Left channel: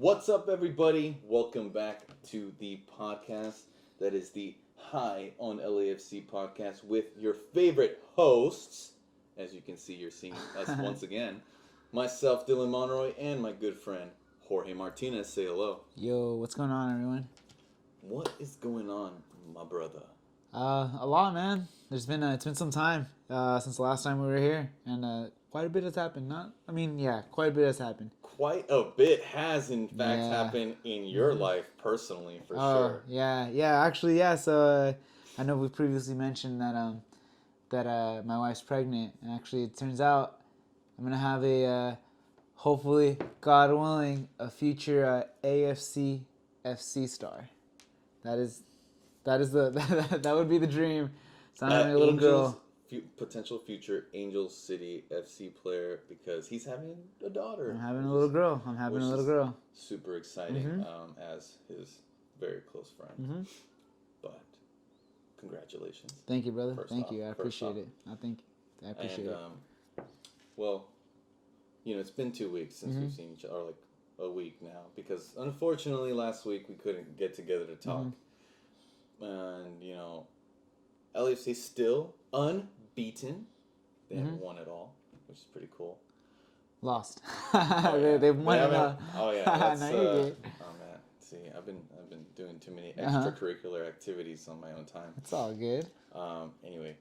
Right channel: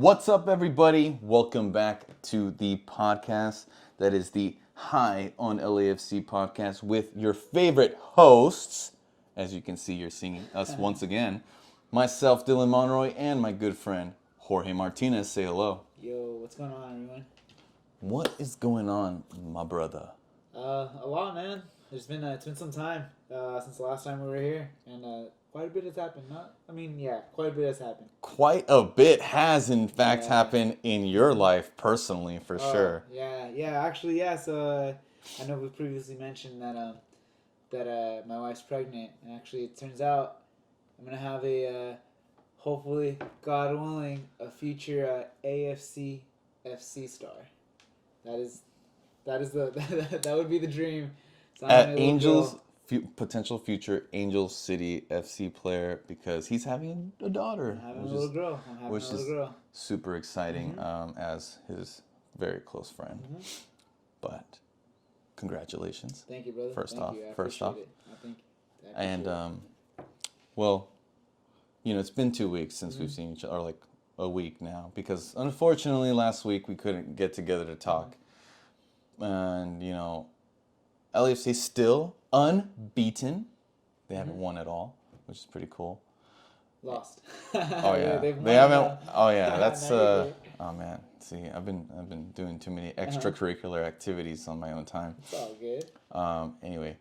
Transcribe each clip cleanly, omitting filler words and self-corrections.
What's up, everybody? Welcome back to the podcast that is the High on LAFC podcast with your favorite hosts. As you can see, you're seeing us once again. Myself, Dylan Monroy, and my good friend, Jorge Martinez. Say hello. Yo, what's going on, everyone? What is going on, my brother? A lot, man. It's been some time since the last time we were here, and quite a bit has happened. Quite a bit has happened. Quite a bit has, in fact, Yeah. happened in your life personally, for sure. Actually, yeah. So I know we previously mentioned that my wife's pregnant, and actually, it turns out I'm gonna have hopefully, God willing, a future AFC FC star. That is that would be the dream. So I'm having a little Angels, girl. potential future Angel City FC player, because he's having a daughter. I'm having a little girl. Super exciting, as his very close friend. But congratulations. Thank you, brother. First Thank off, you. I first appreciate off. it. I appreciate And it. well, it's been 2 weeks since we've seen each other, or like a week now, because unfortunately last week we couldn't get together to talk. And LAFC still unbeaten. They haven't won at all, which is pretty cool. Lost. Oh yeah, They've they haven't. Oh yeah, No, that's. you're good. Oh man, see, I've been doing too many extracurricular activities on my own time. It's all good. Anyway,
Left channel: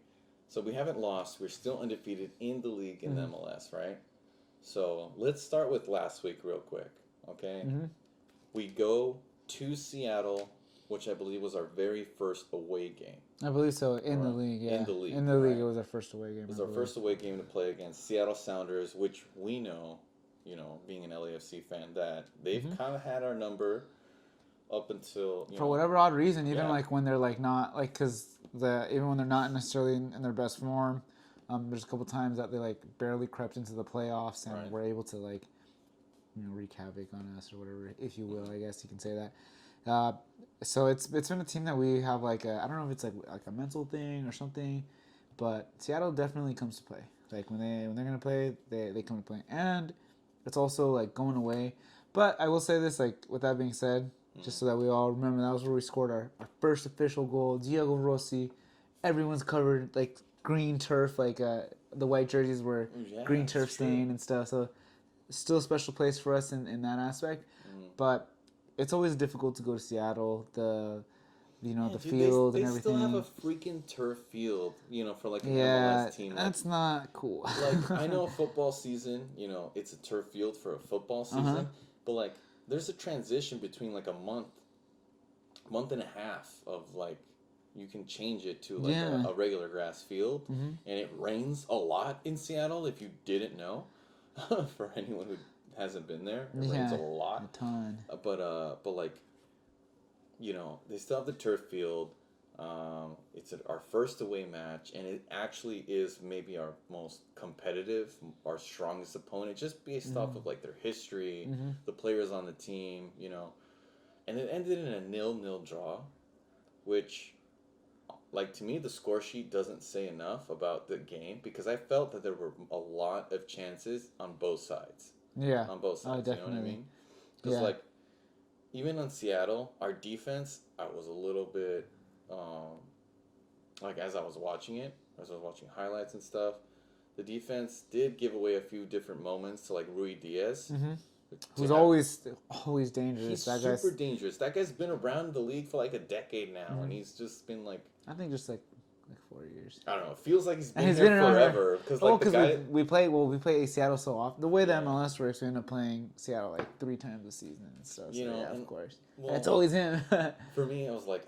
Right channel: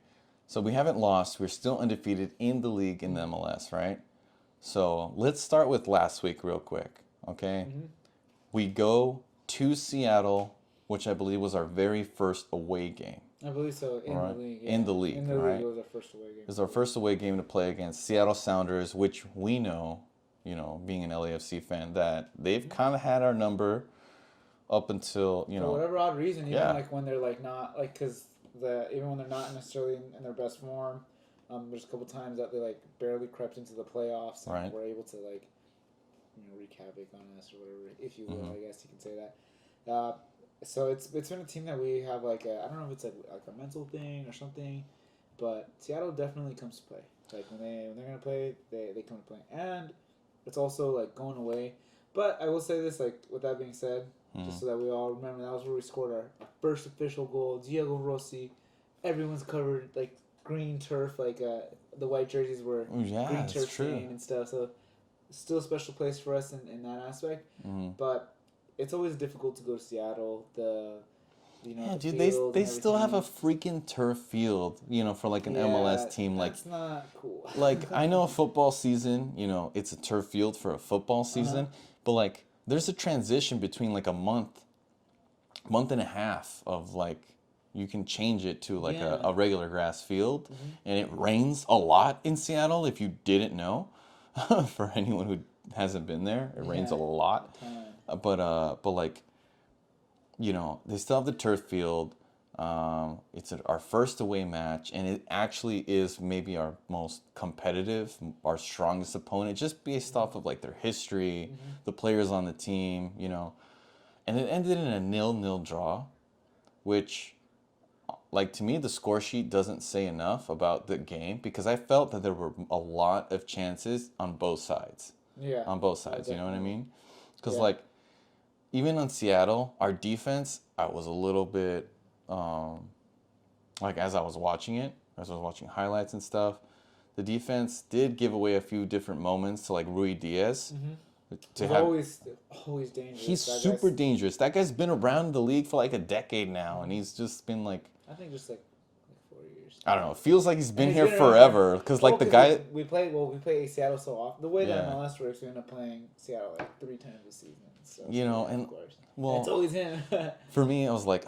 so we haven't lost. We're still undefeated in the league in the MLS, right? So let's start with last week real quick, okay? We go to Seattle, which I believe was our very first away game. I believe so. In Right. the league, yeah. In the league, In the right. league, it was our first away game. It was our first away game to play against Seattle Sounders, which we know, being an LAFC fan, that they've kind of had our number up until, For whatever odd reason, even Yeah. like when they're like not like even when they're not necessarily in their best form, there's a couple times that they like barely crept into the playoffs and Right. were able to like wreak havoc on us or whatever, if you will. I guess you can say that. So it's been a team that we have like I don't know if it's like a mental thing or something, but Seattle definitely comes to play. Like when they're gonna play, they come to play, and it's also like going away. But I will say this, like with that being said, just so that we all remember, that was where we scored our first official goal. Diego Rossi, everyone's covered like green turf, like the white jerseys were green it's turf true. stained and stuff. So still a special place for us in that aspect, but it's always difficult to go to Seattle. The Dude, field they and still have a everything. freaking turf field, for like an MLS team. Like, That's not cool. like I know a football season, it's a turf field for a football season, but like there's a transition between like a month and a half of like you can change it to like a regular grass field, and it rains a lot in Seattle. If you didn't know, for anyone who hasn't been there, it rains a lot. A ton. But like, they still have the turf field. It's our first away match, and it actually is maybe our most competitive, our strongest opponent, just based off of like their history, the players on the team, and it ended in a 0-0 draw, which, like, to me, the score sheet doesn't say enough about the game, because I felt that there were a lot of chances on both sides. Yeah. On both sides, you know what I definitely. mean? Because Yeah. like, even on Seattle, our defense, I was a little bit, like as I was watching highlights and stuff, the defense did give away a few different moments to like Rui Diaz. He's always dangerous. He's That super guy's, dangerous. That guy's been around the league for like a decade now, and he's just been like, I think just like 4 years. I don't know, it feels like he's been he's here been around- forever. Because like the guy, we play Seattle so often. The way that Yeah. MLS works, we end up playing Seattle like 3 times a season. So and of course, well, it's always him. for me, I was like,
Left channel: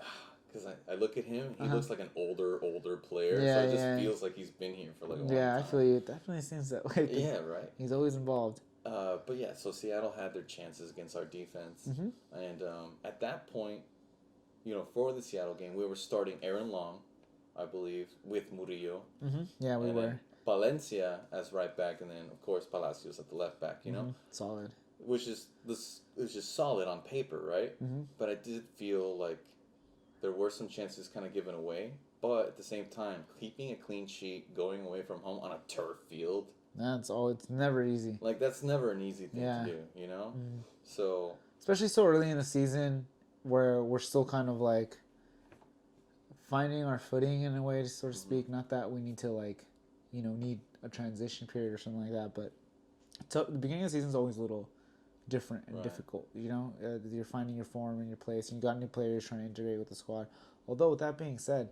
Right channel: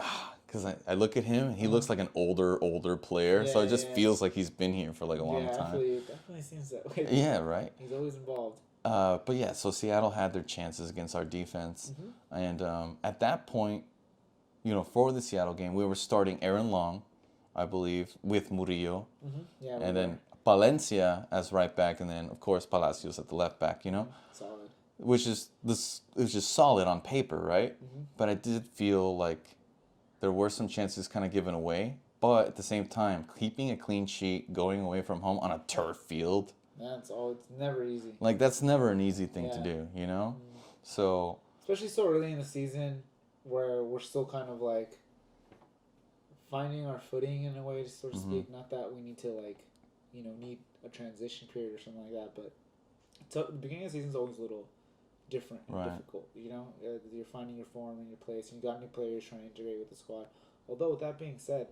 because I look at him, he looks like an older player, so Yeah, it just yeah. feels like he's been here for like a long Yeah, I time. feel you. It definitely seems that way. Yeah, right. He's always involved. But yeah, so Seattle had their chances against our defense, and at that point, for the Seattle game, we were starting Aaron Long, I believe, with Murillo, Yeah, we and were. then Palencia as right back, and then of course Palacios at the left back. Solid. Which is just solid on paper, right? But I did feel like there were some chances kind of given away. But at the same time, keeping a clean sheet, going away from home on a turf field, That's all. It's never easy. like that's never an easy thing to Yeah. do, you know? So especially so early in the season where we're still kind of like finding our footing in a way, to sort of speak. Not that we need to like, need a transition period or something like that, but so the beginning of the season is always a little different and difficult. You're finding your form and your place, and you got new players trying to integrate with the squad. Although with that being said,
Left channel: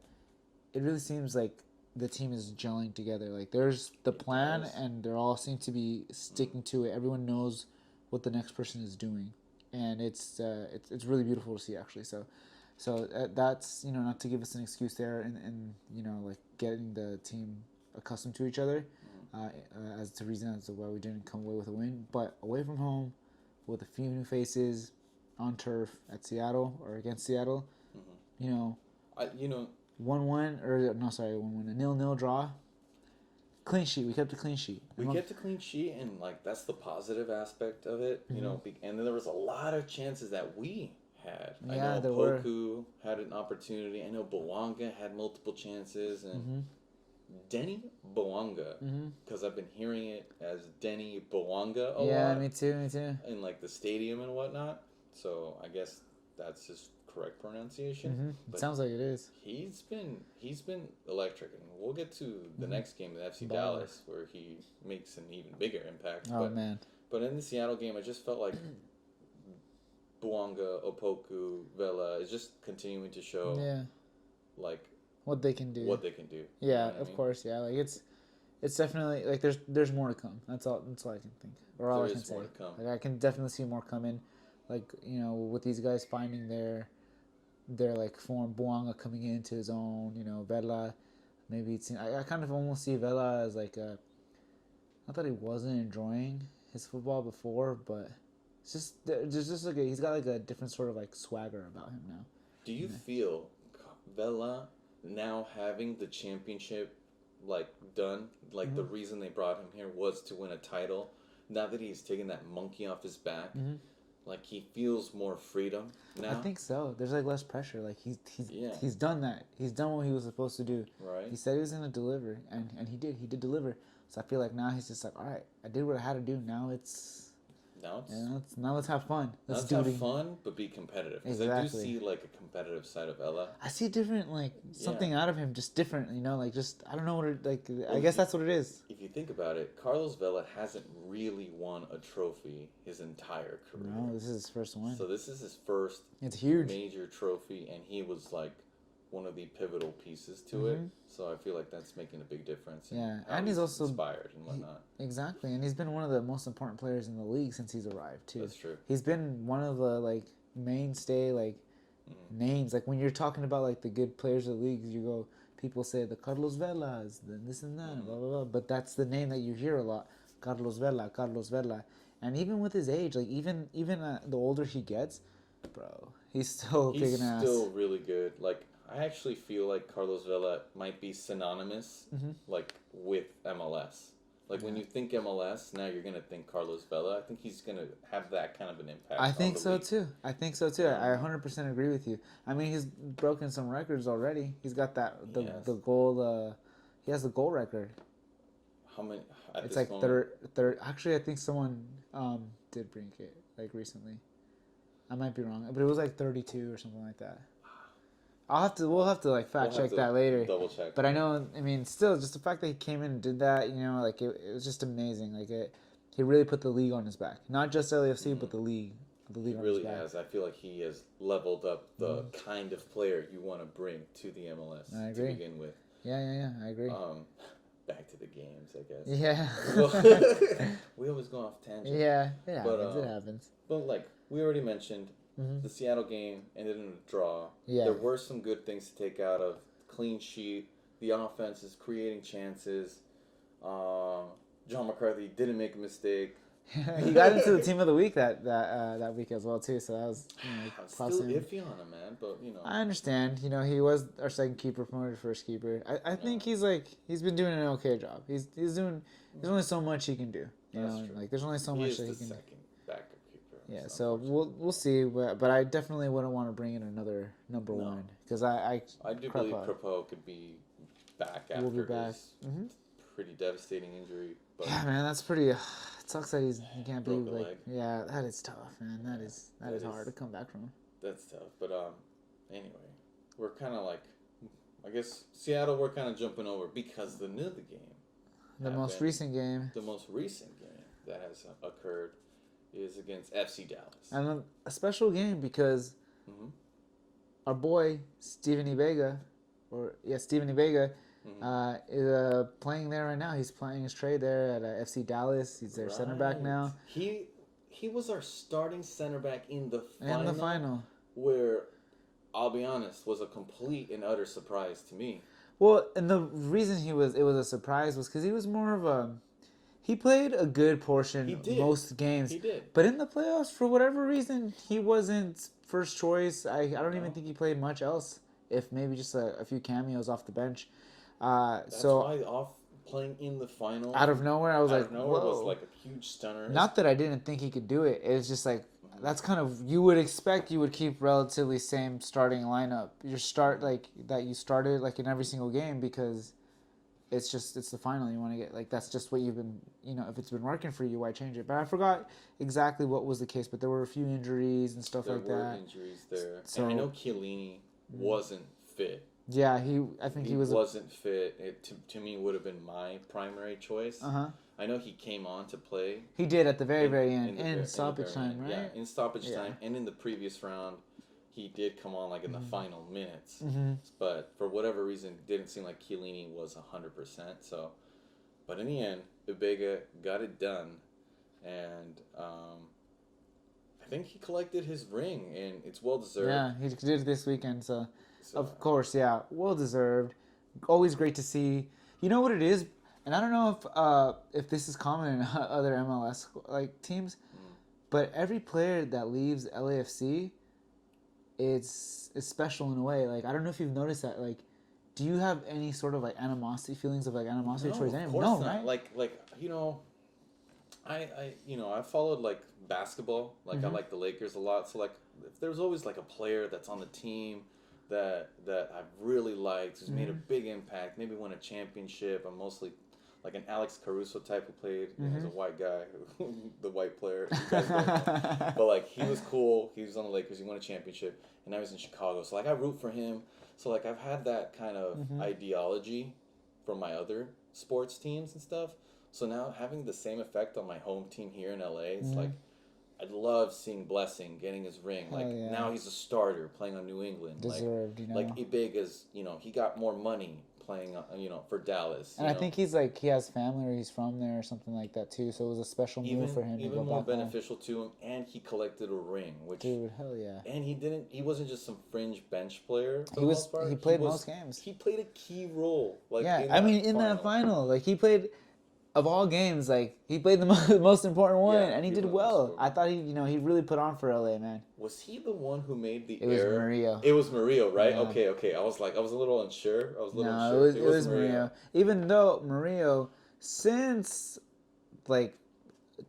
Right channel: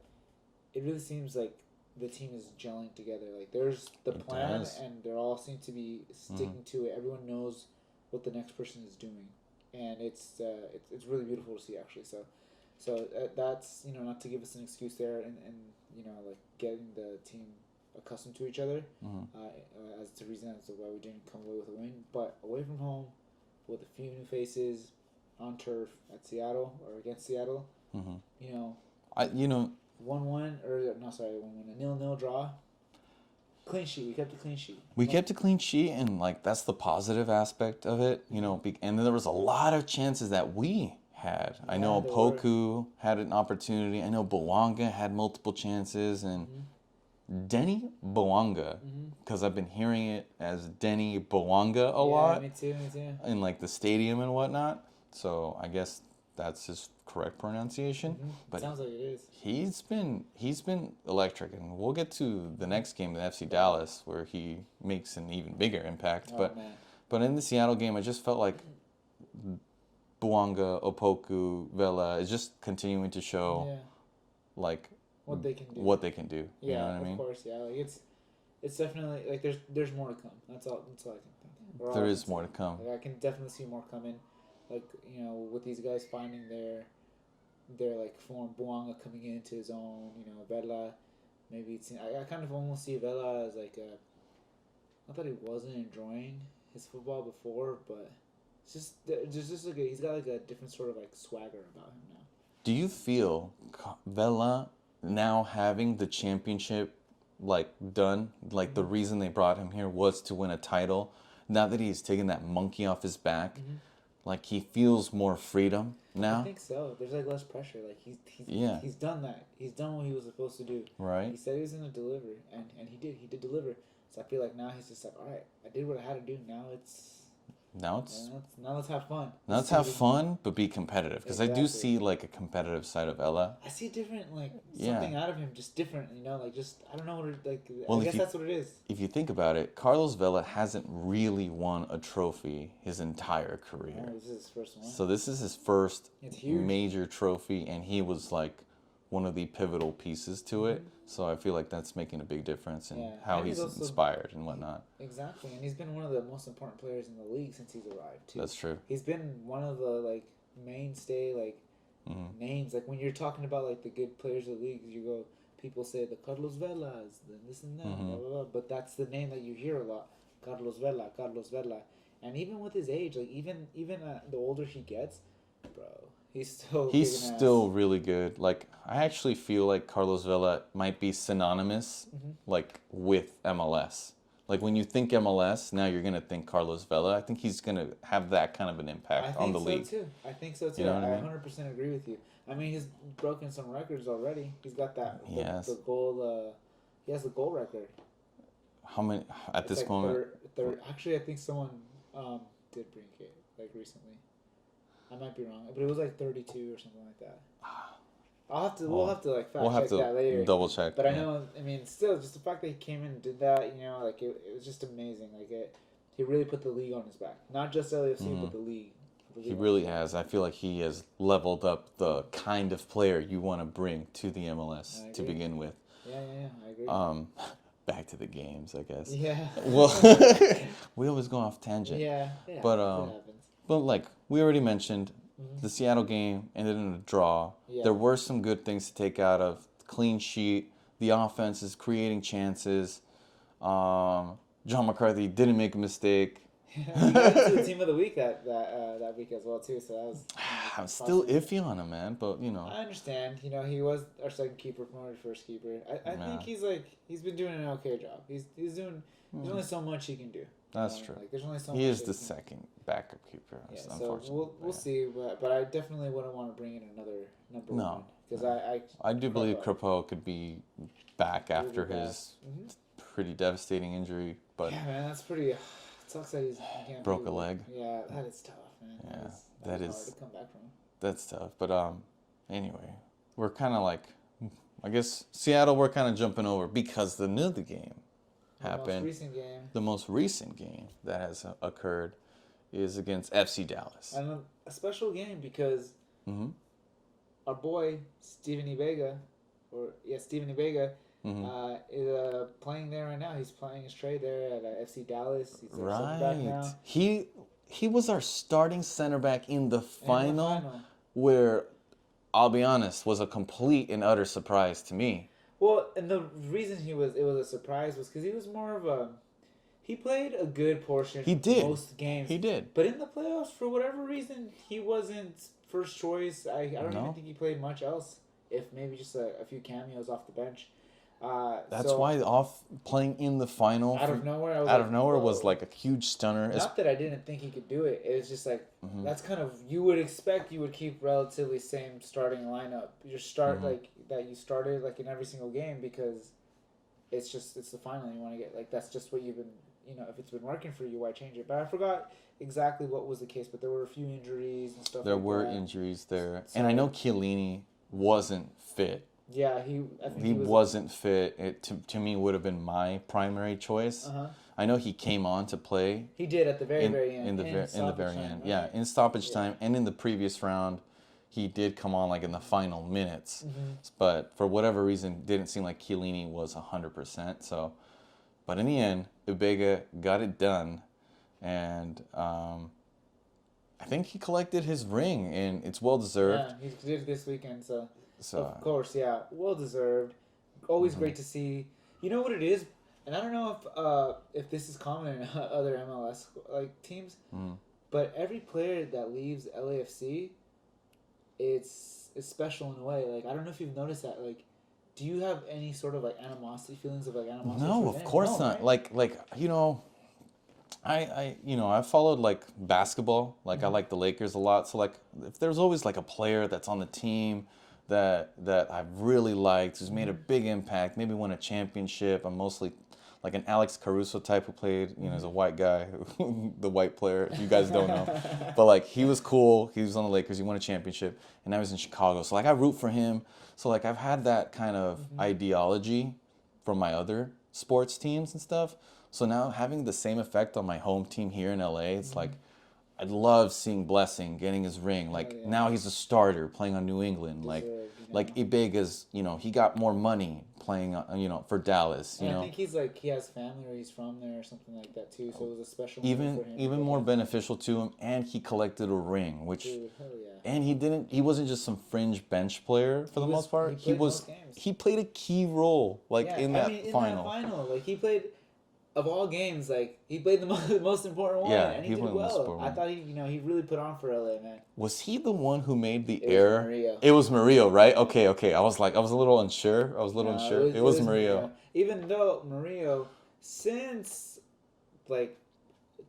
it really seems like the team is gelling together. Like there's the plan, and they all seem to be sticking to it. Everyone knows what the next person is doing, and it's really beautiful to see actually. So that's not to give us an excuse there, and like getting the team accustomed to each other, as to reason as to why we didn't come away with a win. But away from home, with a few new faces, on turf at Seattle or against Seattle, 1-1 or no, sorry, 1-1, a 0-0 draw. Clean sheet. We kept a clean sheet. We kept a clean sheet, and like that's the positive aspect of it, and then there was a lot of chances that we had. I know Poku had an opportunity. I know Buonga had multiple chances, and Denis Buonga, because I've been hearing it as Denis Buonga a lot. Yeah, me too. In like the stadium and whatnot. So I guess that's his correct pronunciation. But sounds like it is. He's been electric, and we'll get to the next game, the FC Dallas, where he makes an even bigger impact. But in the Seattle game, I just felt like Buonga, Opoku, Vela is just continuing to show like what they can do. Yeah, you know of course. Yeah, like it's definitely like there's more to come. That's all I can think. There is more to come. Like, I can definitely see more coming. Like with these guys finding their like form, Buonga coming into his own. Vela, maybe I kind of almost see Vela as like not that he wasn't enjoying his football before, but it's just like he's got like a different sort of like swagger about him now. Do you feel Vela now having the championship like done, like the reason they brought him here was to win a title? Now that he's taken that monkey off his back, like he feels more freedom now. I think so. There's like less pressure. Like he's done that. He's done what he was supposed to do. Right. He said he was gonna deliver, and he did. He did deliver. So I feel like now he's just like, all right, I did what I had to do. Now let's have fun. Let's have fun, but be competitive. Because I do see like a competitive side of Ella. I see different, like something out of him, just different. Like just I don't know what it like. Well, I guess that's what it is. If you think about it, Carlos Vela hasn't really won a trophy his entire career. No, this is his first one. So this is his first huge major trophy, and he was like one of the pivotal pieces to it. So I feel like that's making a big difference in how he's also inspired and whatnot. Exactly, and he's been one of the most important players in the league since he's arrived too. That's true. He's been one of the like mainstay like names. Like when you're talking about like the good players of the league, people say the Carlos Velas, then this and that, blah, blah, blah. But that's the name that you hear a lot, Carlos Vela. And even with his age, like even the older he gets, bro, he's still really good. Like I actually feel like Carlos Vela might be synonymous like with MLS. Like when you think MLS, now you're gonna think Carlos Vela. I think he's gonna have that kind of an impact on the league. I think so too. I 100% agree with you. I mean, he's broken some records already. He's got the goal. He has the goal record. How many at it's this like moment? Third. Actually, I think someone did bring it like recently. I might be wrong, but it was like 32 or something like that. We'll have to like fact check that later. Double check. But I know, I mean, still, just the fact that he came in and did that, like it was just amazing. Like he really put the league on his back. Not just LAFC, but the league. He really has. I feel like he has leveled up the kind of player you want to bring to the MLS to begin with. Yeah, I agree. Back to the games, I guess. Yeah. Well, we always go off tangent. Yeah, it happens. But like we already mentioned, the Seattle game ended in a draw. Yeah. There were some good things to take out of clean sheet. The offense is creating chances. John McCarthy didn't make a mistake. He got into the team of the week that week as well too. So that was. I'm still iffy on him, man. But I understand. He was our second keeper, promoted first keeper. I think he's been doing an okay job. He's doing. There's only so much he can do. That's true. Like there's only so much. He is the second backup keeper. Yeah. So we'll see. But I definitely wouldn't want to bring in another number one because I do believe Crepeau could be back after his pretty devastating injury. But yeah, man, that's pretty. It sucks that he can't broke a leg. Yeah, that is tough, man. That is hard to come back from. That's tough. But anyway, we're kind of like, I guess Seattle. We're kind of jumping over because the another game happened. The most recent game that has occurred is against FC Dallas. And a special game because our boy Steven Vega, is playing there right now. He's playing his trade there at FC Dallas. He's their center back now. He was our starting center back in the final, where, I'll be honest, was a complete and utter surprise to me. Well, and the reason it was a surprise was because he was more of a... He played a good portion most games. He did. But in the playoffs, for whatever reason, he wasn't first choice. I don't even think he played much else, if maybe just a few cameos off the bench. That's why playing in the final out of nowhere, was like a huge stunner. Not that I didn't think he could do it. It was just like that's kind of, you would expect you would keep relatively same starting lineup. Your start like that you started like in every single game, because it's the final. You want to get like, that's just what you've been, if it's been working for you, why change it? But I forgot exactly what was the case, but there were a few injuries and stuff like that. There were injuries there. And I know Chiellini wasn't fit. Yeah, I think he wasn't fit. It to me would have been my primary choice. I know he came on to play. He did at the very end. In stoppage time, right? Yeah, in stoppage time, and in the previous round, he did come on like in the final minutes. But for whatever reason, didn't seem like Chiellini was 100%. So, but in the end, Ibega got it done, and I think he collected his ring, and it's well deserved. Yeah, he did this weekend. So of course, yeah, well deserved. Always great to see. You know what it is, and I don't know if this is common in other MLS like teams, but every player that leaves LAFC, it's special in a way. Like, I don't know if you've noticed that. Like, do you have any sort of like feelings of animosity? No, of course not. Right? Like I followed like basketball. Like I like the Lakers a lot. So like, if there's always like a player that's on the team that I've really liked, who's made a big impact, maybe won a championship. I'm mostly like an Alex Caruso type who played, as a white guy, the white player. You guys don't know, but like he was cool. He was on the Lakers. He won a championship, and I was in Chicago. So like I root for him. So like I've had that kind of ideology from my other sports teams and stuff. So now having the same effect on my home team here in LA, it's like, I love seeing Blessing getting his ring. Like now he's a starter playing on New England. Deserved, like Ibega's, he got more money playing, for Dallas. And I think he has family, or he's from there or something like that too. So it was a special move for him. Even more beneficial to him, and he collected a ring, which. Dude, hell yeah. And he wasn't just some fringe bench player for the most part. He played most games. He played a key role, in that final. Like he played. Of all games, like he played the most important one, and he did well. I thought he really put on for LA, man. Was he the one who made the error? Murillo. It was Murillo, right? Yeah. Okay. I was a little unsure. It was Murillo. Even though Murillo, since like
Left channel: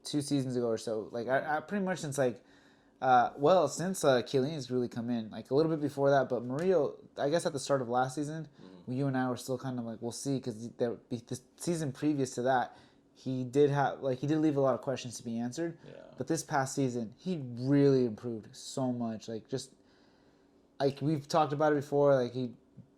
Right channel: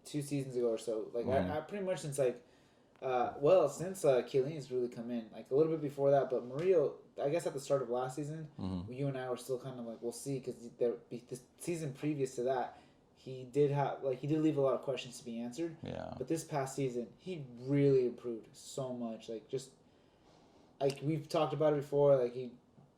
2 seasons ago or so, like I pretty much since since Chiellini's really come in, like a little bit before that, but Murillo, I guess at the start of last season, you and I were still kind of like, we'll see, because the season previous to that, he did leave a lot of questions to be answered. Yeah. But this past season, he really improved so much. Like, just like we've talked about it before, like he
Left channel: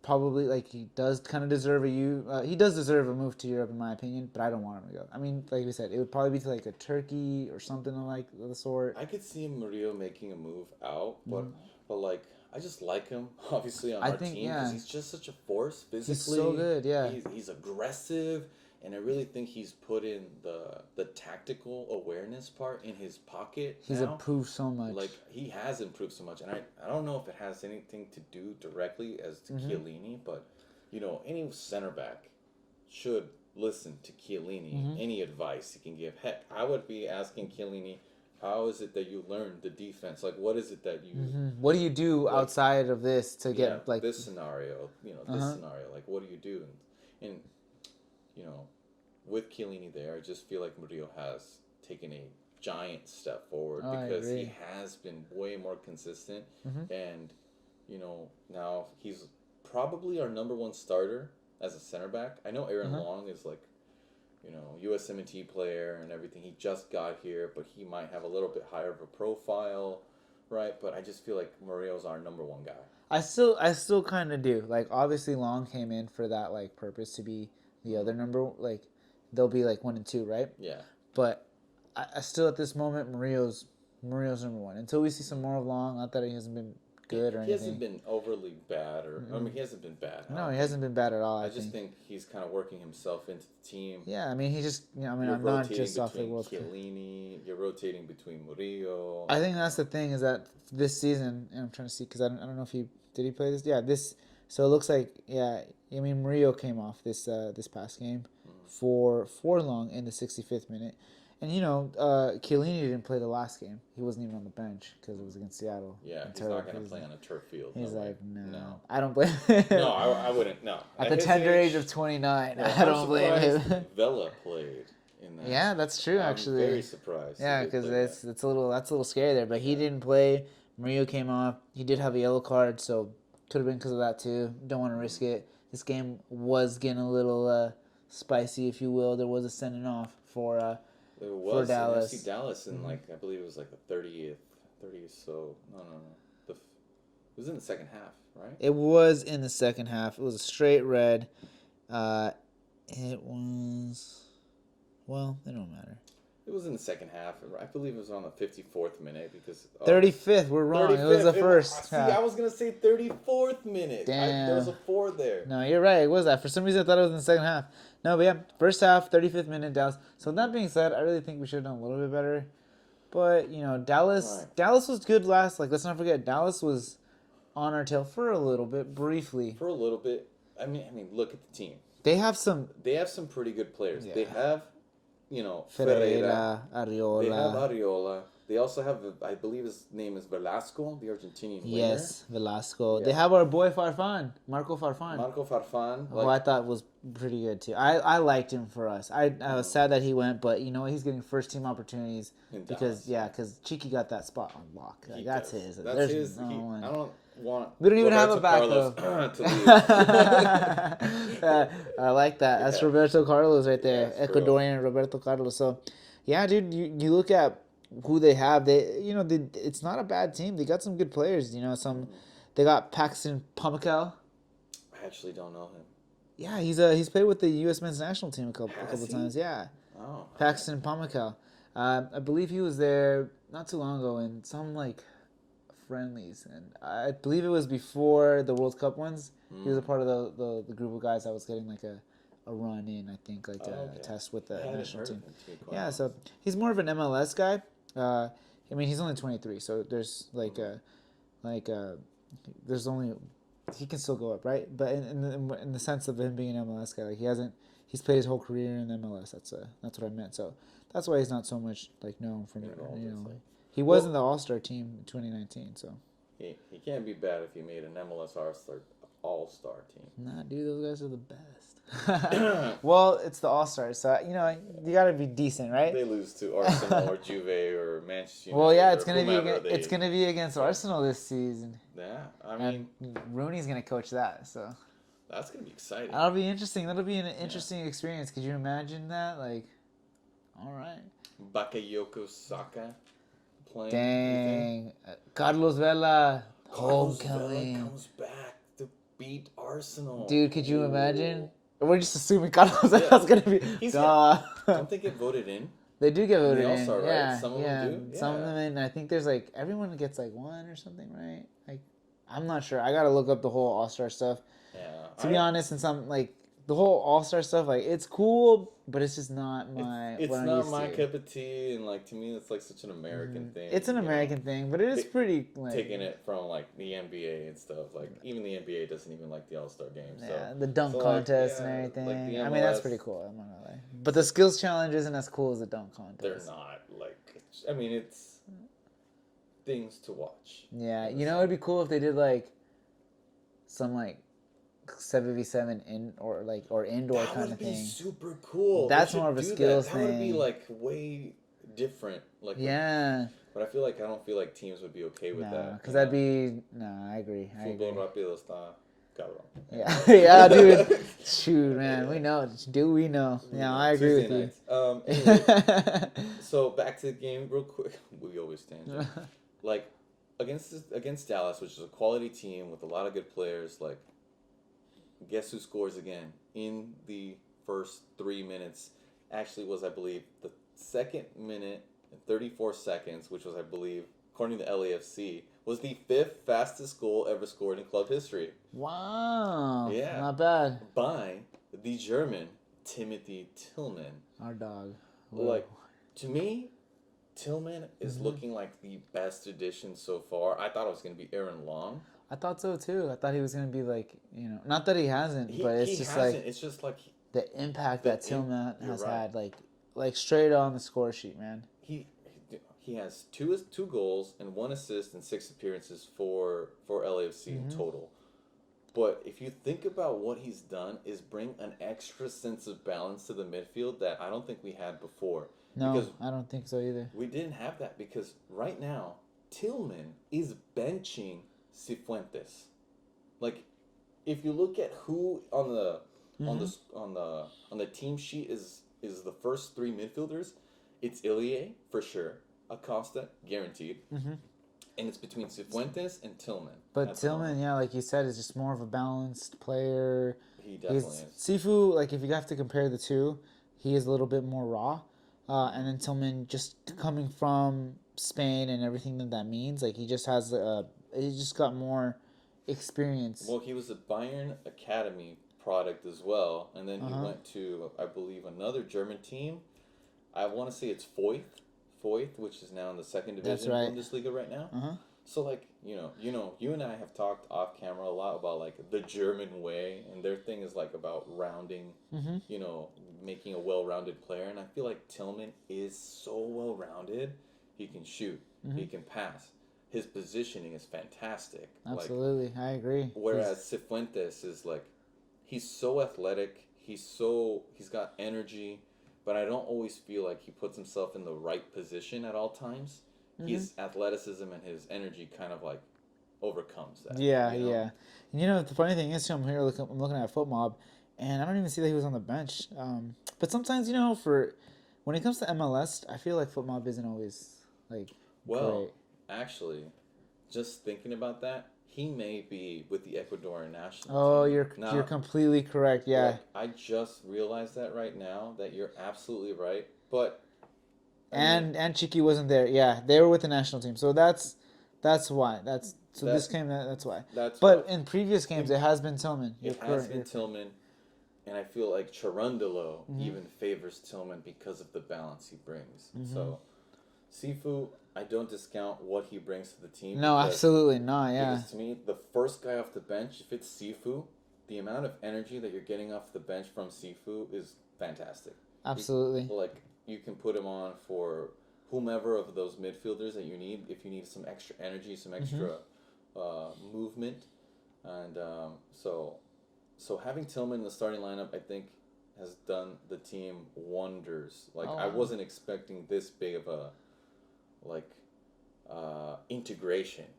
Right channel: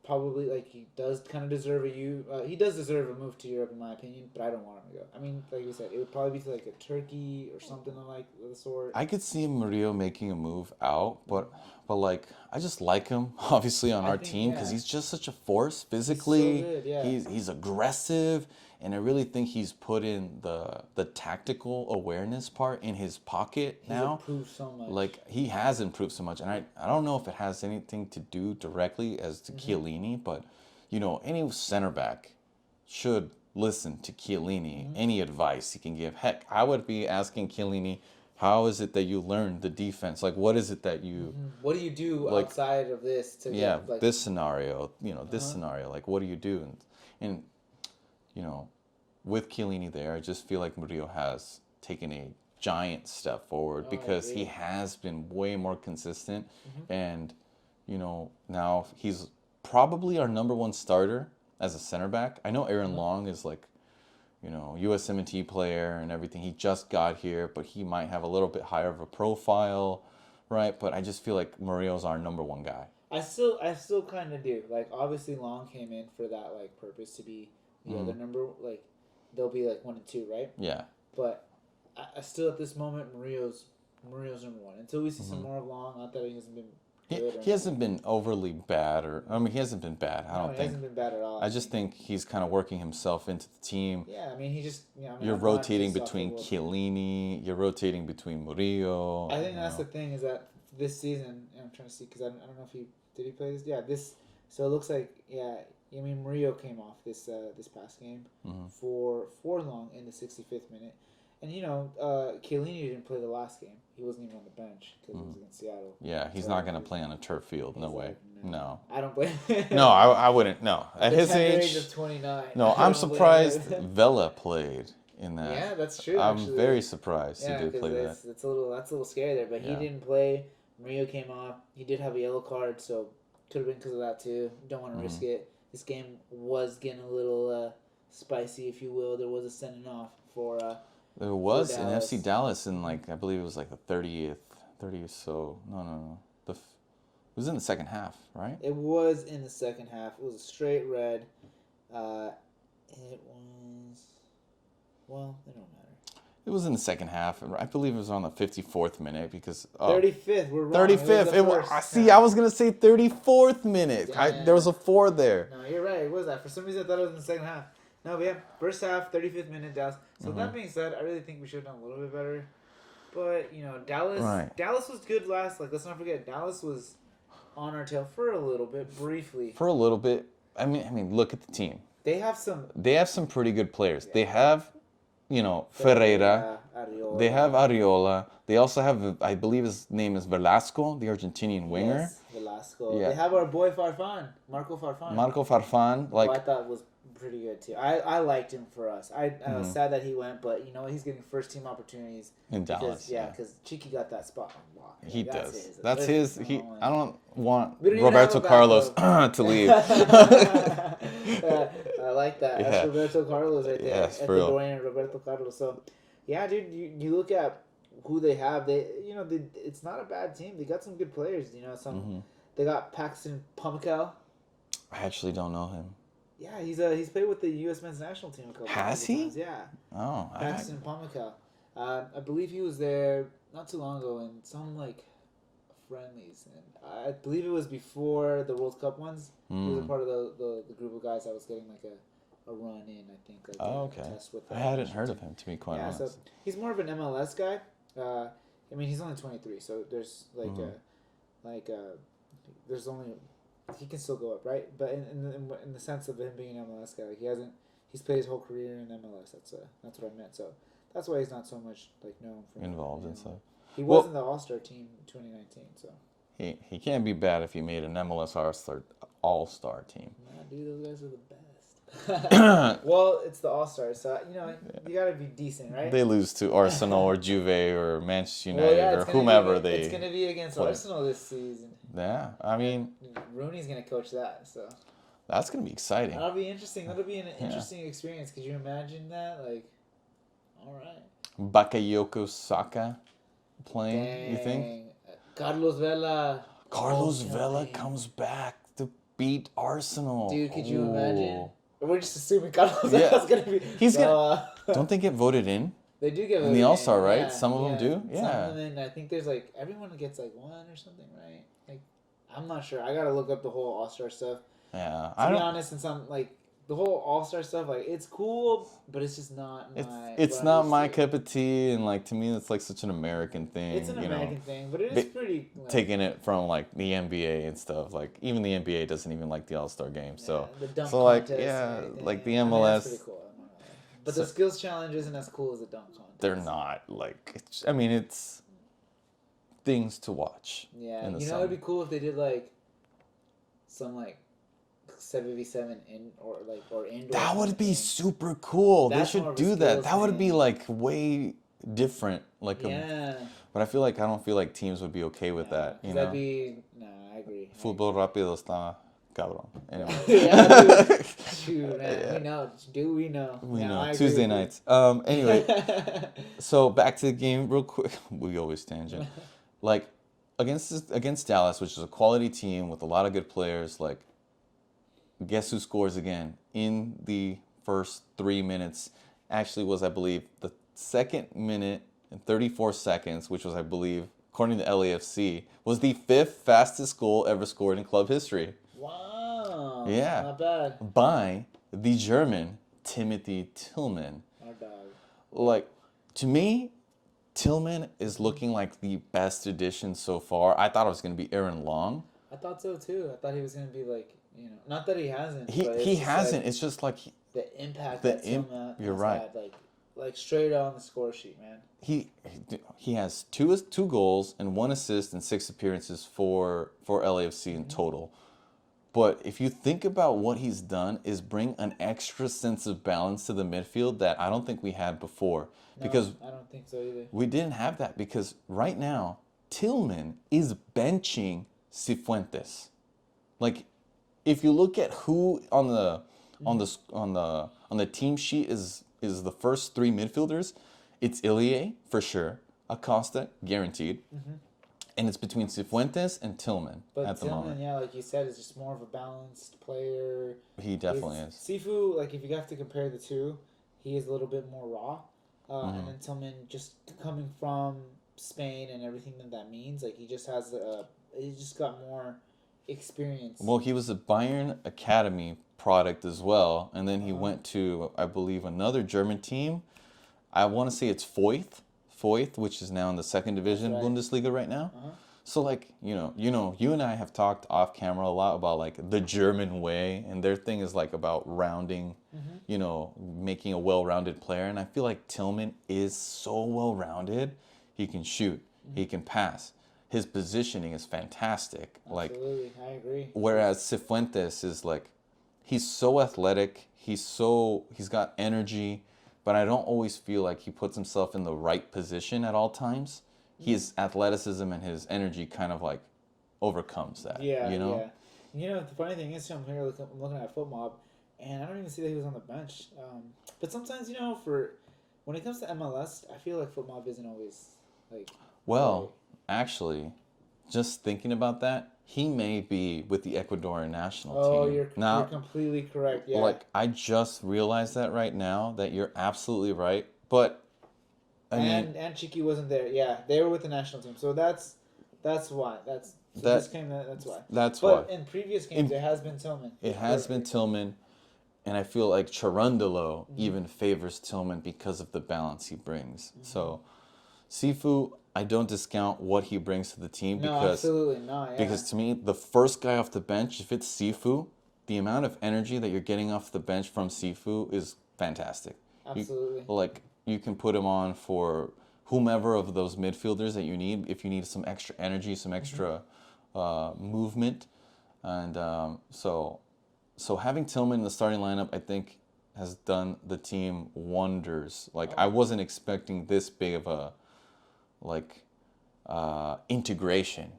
probably he does kind of deserve he does deserve a move to Europe in my opinion, but I don't want him to go. I mean, like we said, it would probably be to like a Turkey or something like the sort. I could see Murillo making a move out, but like, I just like him obviously on our team because he's just such a force physically. He's so good, yeah. He's aggressive, and I really think he's put in the tactical awareness part in his pocket now. He's improved so much. Like, he has improved so much, and I don't know if it has anything to do directly as to Chiellini, but any center back should listen to Chiellini. Any advice he can give. Heck, I would be asking Chiellini, how is it that you learn the defense? Like, what is it that you... What do you do outside of this to get, like... this scenario, this scenario. Like, what do you do? And with Chiellini there, I just feel like Murillo has taken a giant step forward because he has been way more consistent. And, now he's probably our number one starter as a center back. I know Aaron Long is like... USMNT player and everything. He just got here, but he might have a little bit higher of a profile. right? But I just feel like Murillo's our number one guy. I still kind of do. Like, obviously, Long came in for that like purpose to be the other number. Like, they'll be like 1 and 2, right? Yeah. But I still at this moment Murillo's number one until we see some more of Long. Not that he hasn't been good. He hasn't been overly bad, or I mean, he hasn't been bad. No, he hasn't been bad at all. I just think he's kind of working himself into the team. Yeah, I mean, he just. I mean, You're I'm not rotating just off the between World Cup. Chiellini. You're rotating between Murillo. I think that's the thing is that this season, and I'm trying to see because I don't know if he did play this. Yeah, this. So it looks like I mean, Murillo came off this past game for Long in the 65th minute, and Chiellini didn't play the last game. He wasn't even on the bench because it was against Seattle. Yeah, he's not going to play on a turf field. No way. No. I don't blame. No, I wouldn't. No. At the tender age of 29. No, I'm surprised Vela played in that. Yeah, that's true. Actually, I'm very surprised. Yeah, because that's a little scary there. But he didn't play. Murillo came off. He did have a yellow card, so could have been because of that too. Don't want to risk it. This game was getting a little spicy, if you will. There was a sending off for there was for an Dallas. FC Dallas in I believe it was like the 30th so. No. It was in the second half, right? It was in the second half. It was a straight red. It was. Well, it don't matter. It was in the second half. I believe it was on the 54th minute because 35th. We're wrong. 35th. It was the first. I was gonna say 34th minute. There was a 4 there. No, you're right. It was that. For some reason, I thought it was in the second half. No, but yeah, first half, 35th minute, Dallas. So that being said, I really think we should have done a little bit better. But Dallas, Right. Dallas was good last. Like, let's not forget, Dallas was on our tail for a little bit, briefly. For a little bit. I mean, look at the team. They have some. They have some pretty good players. Yeah. They have, Ferreira. Ariola. They have Ariola. They also have, I believe his name is Velasco, the Argentinian winger. Yes, Velasco. Yeah. They have our boy Farfan, Marco Farfan. Marco Farfan. who I thought was pretty good too. I liked him for us. I was sad that he went, but he's getting first team opportunities In because Dallas, because Cheeky got that spot on lock. Like, he that's does. his. That's There's his. no He. one. I don't want We don't even have Roberto a Carlos backup. to leave. I like that. That's Yeah. Roberto Carlos right there. Yeah, for real. Ecuadorian Roberto Carlos. So, yeah, dude, you look at who they have. It's not a bad team. They got some good players. They got Paxton Pummikel. I actually don't know him. Yeah, he's played with the U.S. men's national team a couple Has he? times. Yeah, Oh. Paxton Pummikel. I believe he was there not too long ago in some friendlies, and I believe it was before the World Cup ones. He was a part of the group of guys that was getting a run in. I think a test with the. I hadn't national heard team. of him, to be quite Yeah, honest. so he's more of an MLS guy. I mean, he's only 23, so there's there's only he can still go up, right? But in the sense of him being an MLS guy, he's played his whole career in MLS. That's what I meant. So that's why he's not so much known from Involved in something. He was in the All-Star team in 2019, so. He can't be bad if he made an MLS All-Star team. Nah, dude, those guys are the best. Well, it's the All-Stars, so you gotta be decent, right? They lose to Arsenal or Juve or Manchester United Well, yeah, or whomever it's gonna be against Arsenal this season. Yeah, I mean, Rooney's gonna coach that, so that's gonna be exciting. that'll be interesting. That'll be an interesting experience. Could you imagine that? All right. Bakayoko Saka playing. Dang. You think? Carlos Vela. Carlos Vela homecoming. comes back to beat Arsenal. Dude, could you Ooh. imagine? We're just assuming Carlos Yeah. Vela's gonna be. He's Don't they get voted in? They do get voted the in. All-Star, right? Yeah, Some of them do? Some Yeah. of them, and I think there's everyone gets one or something, right? I'm not sure. I gotta look up the whole All-Star stuff. Yeah. To be honest, and some the whole All-Star stuff, it's cool, but it's just not my. It's what I'm not used my to. cup of tea, and to me, it's such an American thing. It's an American thing, but it is pretty. Taking it from the NBA and stuff. Even the NBA doesn't even like the All-Star game. So Yeah, the dunk so contest yeah, and everything. the I mean, MLS. that's pretty cool. I'm not gonna lie. But the skills challenge isn't as cool as the dunk contest. They're not it's things to watch. Yeah, in the it'd be cool if they did some 7v7 or indoor. That kind would of be thing. super cool. That's they more should of a do skills that. That would be thing. way different. Yeah. But I don't feel like teams would be okay with that. Because that'd be. No, I agree. Fútbol rápido está cabrón. Yeah, yeah, dude. Shoot, man. We know. Do we know? I agree. Tuesday with you. nights. Anyway, so back to the game real quick. We always tangent. against Dallas, which is a quality team with a lot of good players, like guess who scores again in the first 3 minutes? Actually, was I believe the second minute and 34 seconds, which was I believe according to LAFC, was the 5th fastest goal ever scored in club history. Wow. Yeah, Not bad. by the German Timothy Tillman. Our dog. Like, to me, Tillman is looking like the best addition so far. I thought it was going to be Aaron Long. I thought so too. I thought he was gonna be like, not that he hasn't. But He just hasn't. Like It's just like the impact that Tillman you're has right. had, like straight on the score sheet, man. he has two goals and 1 assist and 6 appearances for LAFC in total. But if you think about what he's done, is bring an extra sense of balance to the midfield that I don't think we had before. No, because I don't think so either. we didn't have that because right now Tillman is benching Cifuentes. Like, if you look at who on the team sheet is the first 3 midfielders, it's Ilie for sure, Acosta guaranteed, and it's between Cifuentes and Tillman. But Tillman, yeah, like you said, is just more of a balanced player. He definitely is. Sifu, like if you have to compare the two, he is a little bit more raw, and then Tillman just coming from Spain and everything that means, like he just has he just got more experience. Well, he was a Bayern Academy product as well, and then he went to, I believe, another German team. I want to say it's Foyth, which is now in the 2nd division right. Bundesliga right now. So like, you and I have talked off camera a lot about like the German way, and their thing is like about rounding, making a well-rounded player. And I feel like Tillman is so well-rounded. He can shoot, he can pass. His positioning is fantastic. Absolutely, I agree. Whereas Cifuentes is like, he's so athletic, he's got energy, but I don't always feel like he puts himself in the right position at all times. His athleticism and his energy kind of like overcomes that. Yeah, yeah. The funny thing is, too, I'm looking at FootMob, and I don't even see that he was on the bench. But sometimes, for when it comes to MLS, I feel like FootMob isn't always like. Well, great. actually, just thinking about that, he may be with the Ecuadorian national team. Oh, you're completely correct. Yeah. Like, I just realized that right now, that you're absolutely right. But and Chiki wasn't there. Yeah, they were with the national team. So that's why. That's why. That's but why. in previous games, it has been Tillman. It has been Tillman, and I feel like Cherundolo even favors Tillman because of the balance he brings. So, Sifu, I don't discount what he brings to the team. No, absolutely not. Yeah. Because to me, the first guy off the bench, if it's Sifu, the amount of energy that you're getting off the bench from Sifu is fantastic. Absolutely. You can put him on for whomever of those midfielders that you need, if you need some extra energy, some extra movement. And so having Tillman in the starting lineup, I think, has done the team wonders. I wasn't expecting this big of a integration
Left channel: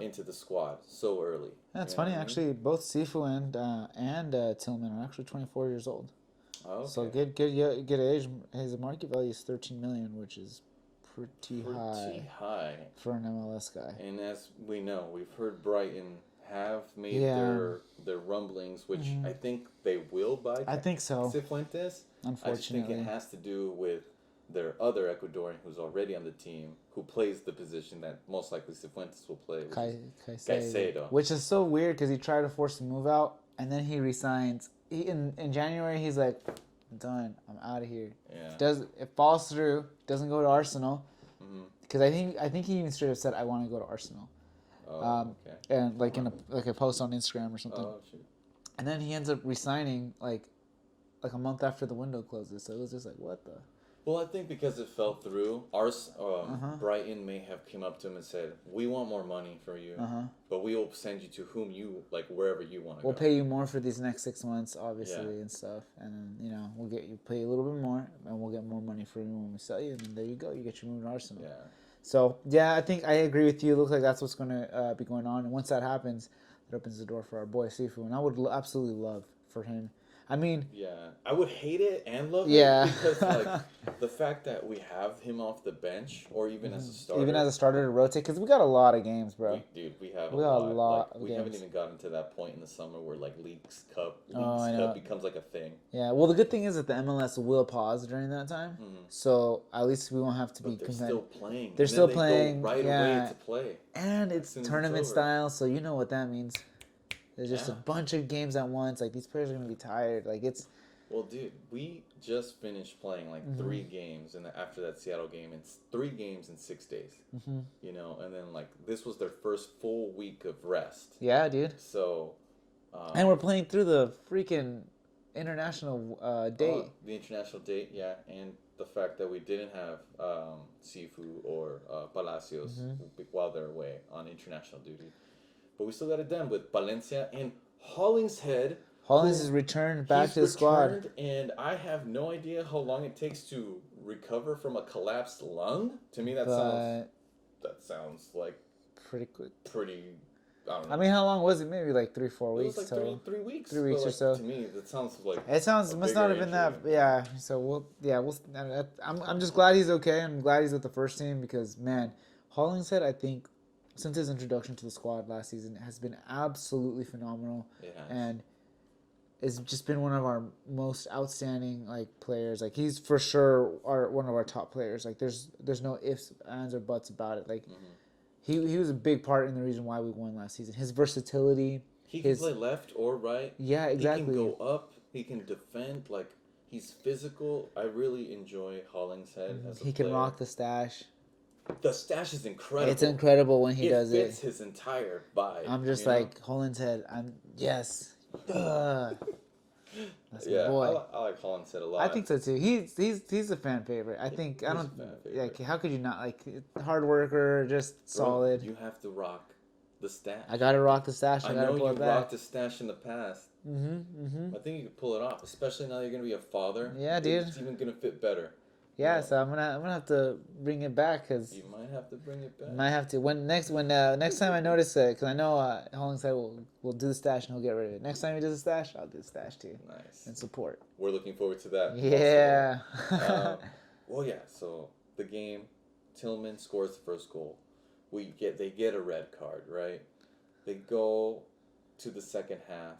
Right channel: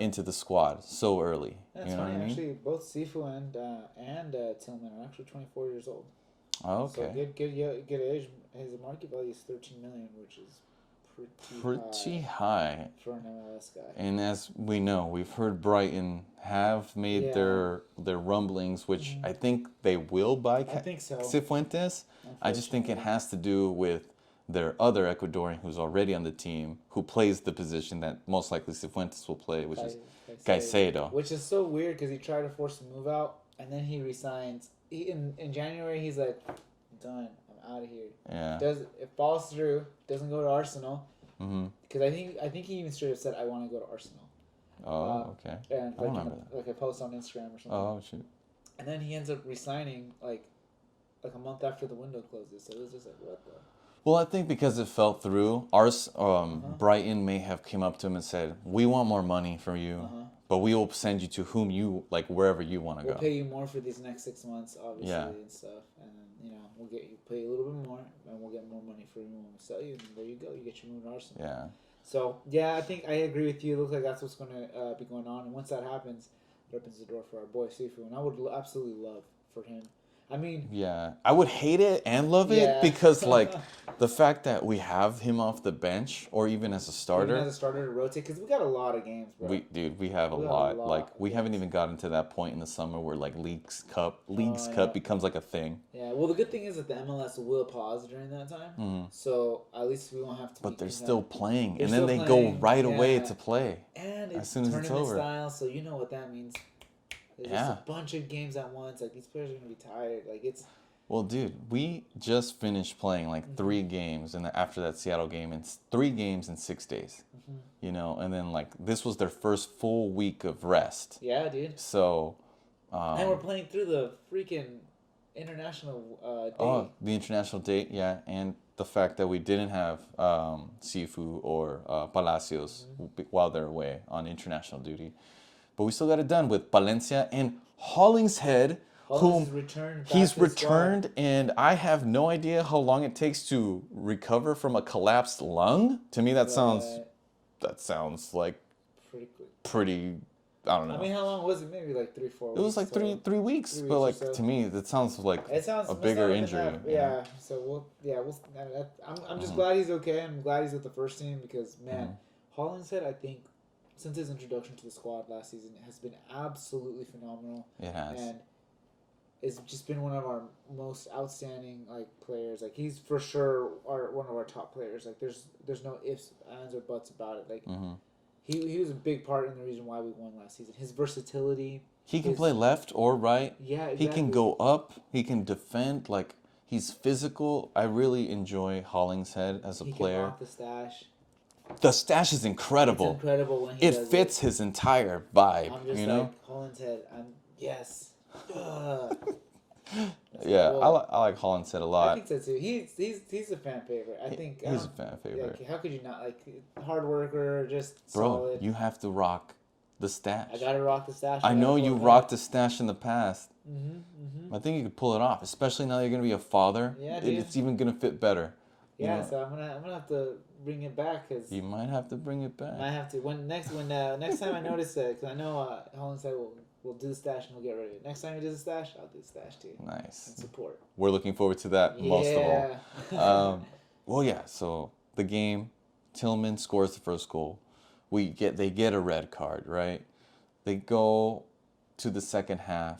into the squad so early. That's funny. Actually, both Sifu and Tillman are actually 24 years old. Oh, okay. So good age. His market value is 13 million, which is pretty high for an MLS guy. And as we know, we've heard Brighton have made their rumblings, which I think they will buy. I think so. Cifuentes. I just think it has to do with their other Ecuadorian who's already on the team, who plays the position that most likely Cifuentes will play, which is Caicedo. Which is so weird because he tried to force the move out, and then he resigns. In January, he's like, I'm done. I'm out of here. Yeah. It falls through. Doesn't go to Arsenal. Because I think he even straight up said, I want to go to Arsenal. Oh, okay. And like a post on Instagram or something. Oh, shoot. And then he ends up resigning like a month after the window closes. So it was just like, what the? Well, I think because it fell through, Brighton may have came up to him and said, "We want more money from you, but we will send you to whom you like, wherever you want to go. We'll pay you more for these next 6 months, obviously, Yeah. and stuff. And then we'll pay you a little bit more, and we'll get more money for you when we sell you. And there you go, you get your move to Arsenal. Yeah. So I think I agree with you. It looks like that's what's going to be going on. And once that happens, it opens the door for our boy Sifu, and I would absolutely love for him. I mean, Yeah, I would hate it and love yeah. it because like the fact that we have him off the bench or even as a Even as starter, a starter to rotate, because we got a lot of games, bro. we have a We got a lot. Like lot of we haven't games. even gotten to that point in the summer where like Oh, Leagues I Cup know. becomes like a thing. Yeah, well, the good thing is that the MLS will pause during that time, so at least we won't have to But be. they're still playing, They're and still then they go playing, right away yeah, to play and as it's soon as it's tournament over. style, so you know what that means. There's just a Yeah. bunch of games at once. Like these players are gonna be tired. Like it's Well, dude, we just finished playing like three games, and after that Seattle game, and 3 games in 6 days. You know, and then like this was their first full week of rest. yeah, dude. So, And we're playing through the freaking international day. the international date, yeah, and the fact that we didn't have Sifu or Palacios while they're away on international duty, but we still got it done with Valencia and Hollingshead. Hollins who- is returned back He's to the squad. returned, and I have no idea how long it takes to recover from a collapsed lung. To me, that sounds like Pretty quick. pretty. I don't know. I mean, how long was it? Maybe like 3-4 weeks. it was like total. 3 weeks, 3 but weeks or like so. to me, that sounds like It sounds a must bigger not have injury. been that. Yeah. So we'll. I'm just glad he's okay. I'm glad he's with the first team because man, Hollingshead, I think, since his introduction to the squad last season, has been absolutely phenomenal. It has. And it's just been one of our most outstanding like players. Like he's for sure one of our top players. Like there's no ifs, ands, or buts about it. Like he was a big part in the reason why we won last season. His versatility. He can play left or right. Yeah, exactly. He can go up. He can defend. Like he's physical. I really enjoy Hollingshead as a He player. can rock the stash. The stash is incredible. It's incredible when he does it. It fits his entire vibe. I'm just you know? like Hollingshead. Yes. Ugh. Yeah, I like Hollingshead a lot. I think so too. He's a fan favorite. I think He's a fan favorite. Like, how could you not like hard worker, just Bro, solid. you have to rock the stash. I gotta rock the stash. I know you rocked the stash in the past. Mm-hmm. I think you could pull it off, especially now that you're gonna be a father. Yeah, dude. It's even gonna fit better. Yeah, you know? so I'm gonna have to bring it back because You might have to bring it back. I might have to next time I notice it because I know Hollingshead will do the stash and he'll get rid of it. Next time he does the stash, I'll do the stash too. Nice. And support. We're looking forward to that. Yeah. Most of all. Well, yeah. So the game, Tillman scores the first goal. They get a red card, right? They go to the second half,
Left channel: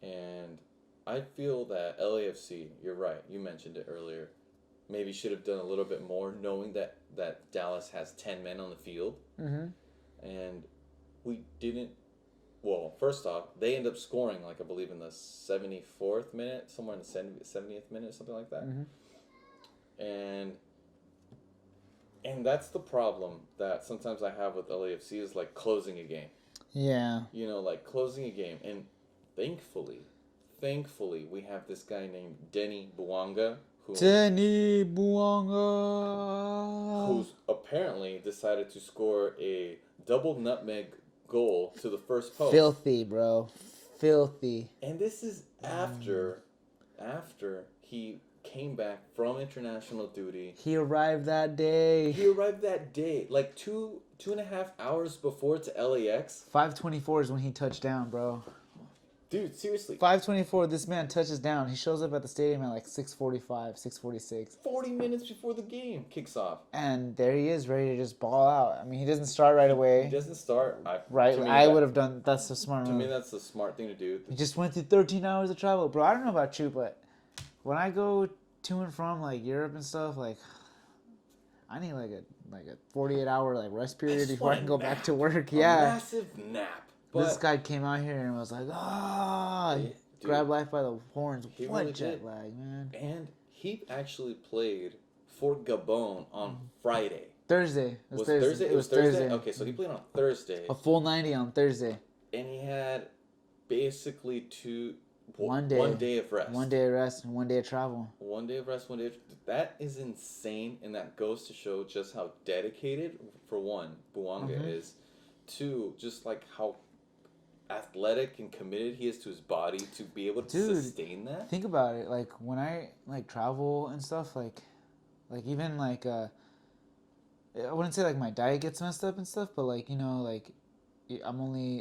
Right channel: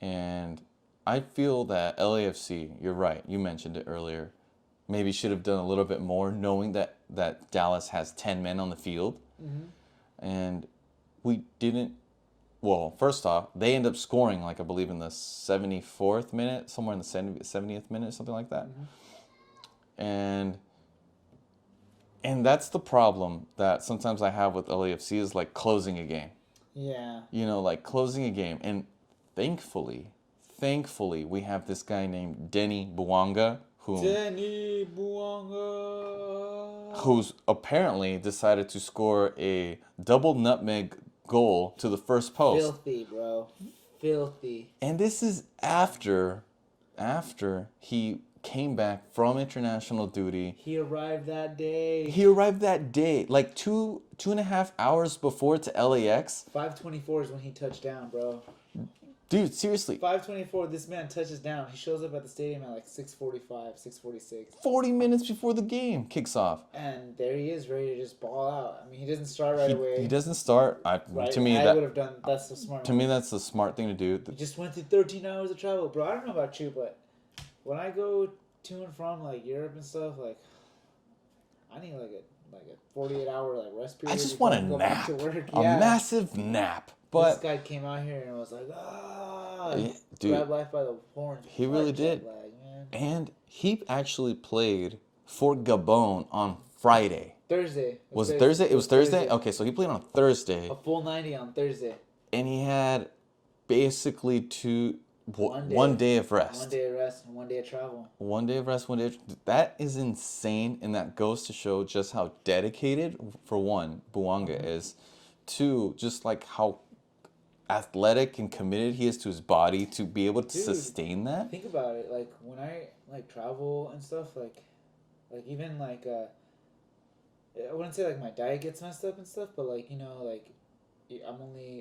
and I feel that LAFC. You're right. You mentioned it earlier. Maybe should have done a little bit more, knowing that Dallas has 10 men on the field, and we didn't. Well, first off, they end up scoring, like I believe in the 74th minute, somewhere in the 70th minute, something like that. And that's the problem that sometimes I have with LAFC is like closing a game. Yeah. You know, like closing a game. And thankfully, we have this guy named Denis Buonga, Denis Buonga, who's apparently decided to score a double nutmeg goal to the first post. Filthy, bro. Filthy. And this is after he came back from international duty. He arrived that day. Like 2.5 hours before to LAX. 5:24 is when he touched down, bro. Dude, seriously. 5:24, this man touches down. He shows up at the stadium at like 6:45, 6:46. 40 minutes before the game kicks off. And there he is, ready to just ball out. I mean, he doesn't start right away. He doesn't start. Right? To me, I would have done. That's the smart. To me, that's the smart thing to do. He just went through 13 hours of travel, bro. I don't know about you, but when I go to and from like Europe and stuff, like I need like a 48-hour like rest period I just before I want can a go back nap. to work. A Yeah, massive nap. But this guy came out here and was like, grabbed life by the horns. He What really jet did. lag, man. And he actually played for Gabon on Friday. Thursday. It was Thursday? It was Thursday? Okay, so he played on Thursday. A full 90 on Thursday. And he had basically one day of rest. 1 day of rest and 1 day of travel. 1 day of rest, 1 day of... That is insane, and that goes to show just how dedicated, for one, Buonga is. Two, just like how athletic and committed he is to his body to be able to sustain that. Think about it. Like, when I, like, travel and stuff, like even, like, I wouldn't say, like, my diet gets messed up and stuff, but, like, you know, like, I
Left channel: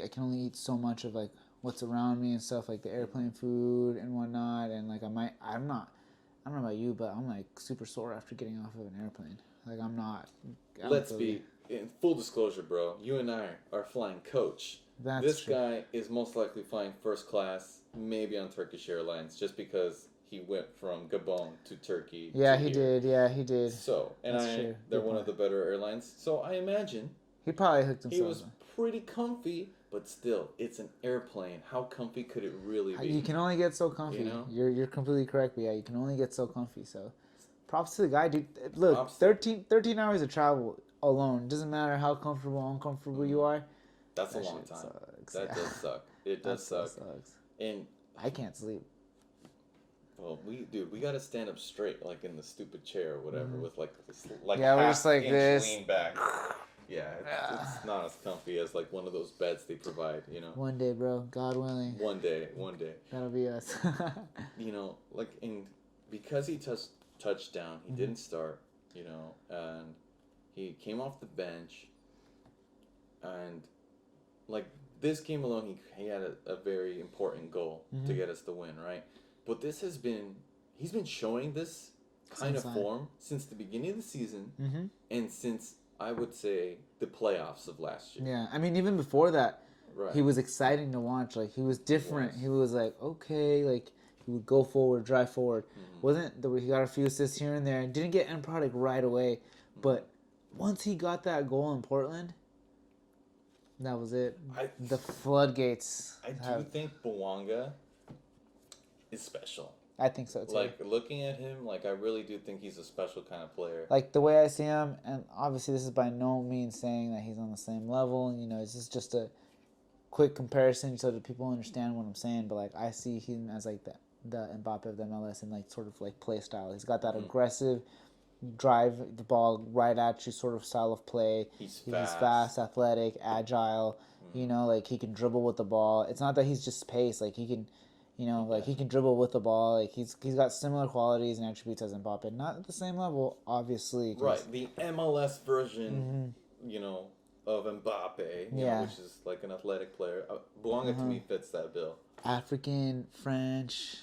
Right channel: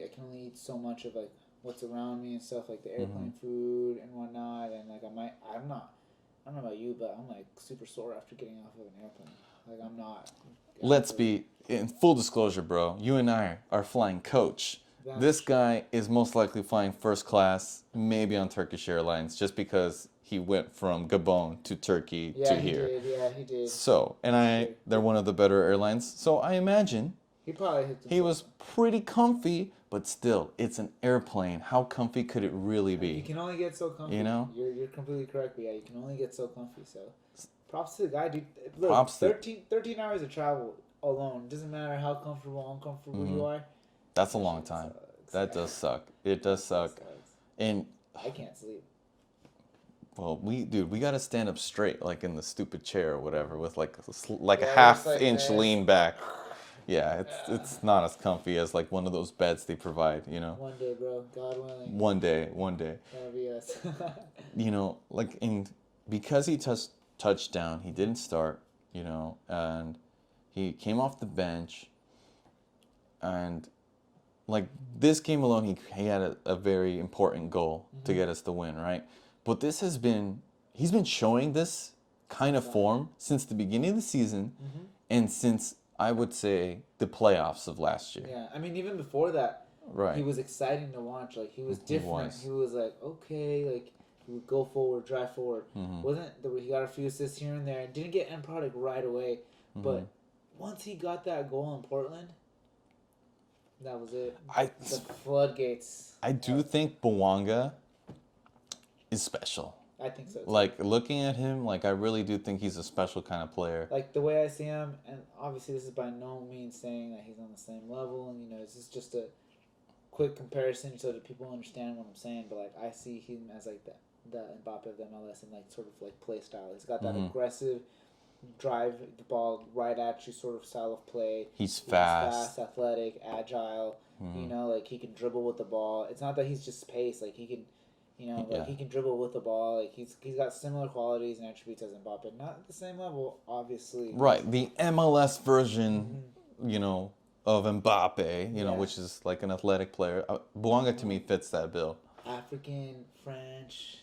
can only eat so much of, like, what's around me and stuff, like the airplane food and whatnot, and like I don't know about you, but I'm like super sore after getting off of an airplane. Like I'm not. Let's be in full disclosure, bro. You and I are flying coach. This guy is most likely flying first class, maybe on Turkish Airlines, just because he went from Gabon to Turkey to here. Yeah, he did. So, they're one of the better airlines. So I imagine he probably hooked himself. He was pretty comfy, but still, it's an airplane. How comfy could it really be? You can only get so comfy. You know? You're completely correct, but yeah, you can only get so comfy. So, props to the guy, dude. Look, 13 hours of travel alone. Doesn't matter how comfortable or uncomfortable you are. That's a long time. Sucks. That does suck. It does suck. And I can't sleep. Well, we got to stand up straight, like in the stupid chair or whatever, with like a half-inch this. lean back. Yeah, it's not as comfy as like one of those beds they provide, you know. One day, bro. God willing. One day. That'll be us. You know, like because he touched down, he didn't start, you know, and he came off the bench, and like this game alone, he had a very important goal to get us the win, right? But he's been showing this kind of form since the beginning of the season, and since I would say the playoffs of last year. Yeah, I mean, even before that, right? He was exciting to watch. Like he was different. He was like, okay, like he would go forward, drive forward. He got a few assists here and there, and didn't get end product right away. But once he got that goal in Portland, that was it. The floodgates. I do think Buonga is special. I think so too. Like looking at him, like I really do think he's a special kind of player. Like the way I see him, and obviously this is by no means saying that he's on the same level. You know, this is just a quick comparison so that people understand what I'm saying. But like I see him as like the Mbappe of the MLS and like sort of like play style. He's got that aggressive, drive the ball right at you sort of style of play. He's fast, athletic, agile. You know, like he can dribble with the ball. It's not that he's just pace. Like he can. You know, like he can dribble with the ball. Like he's got similar qualities and attributes as Mbappe. Not at the same level, obviously. Right, the MLS version, you know, of Mbappe, you know, which is like an athletic player. Buonga to me fits that bill. African, French.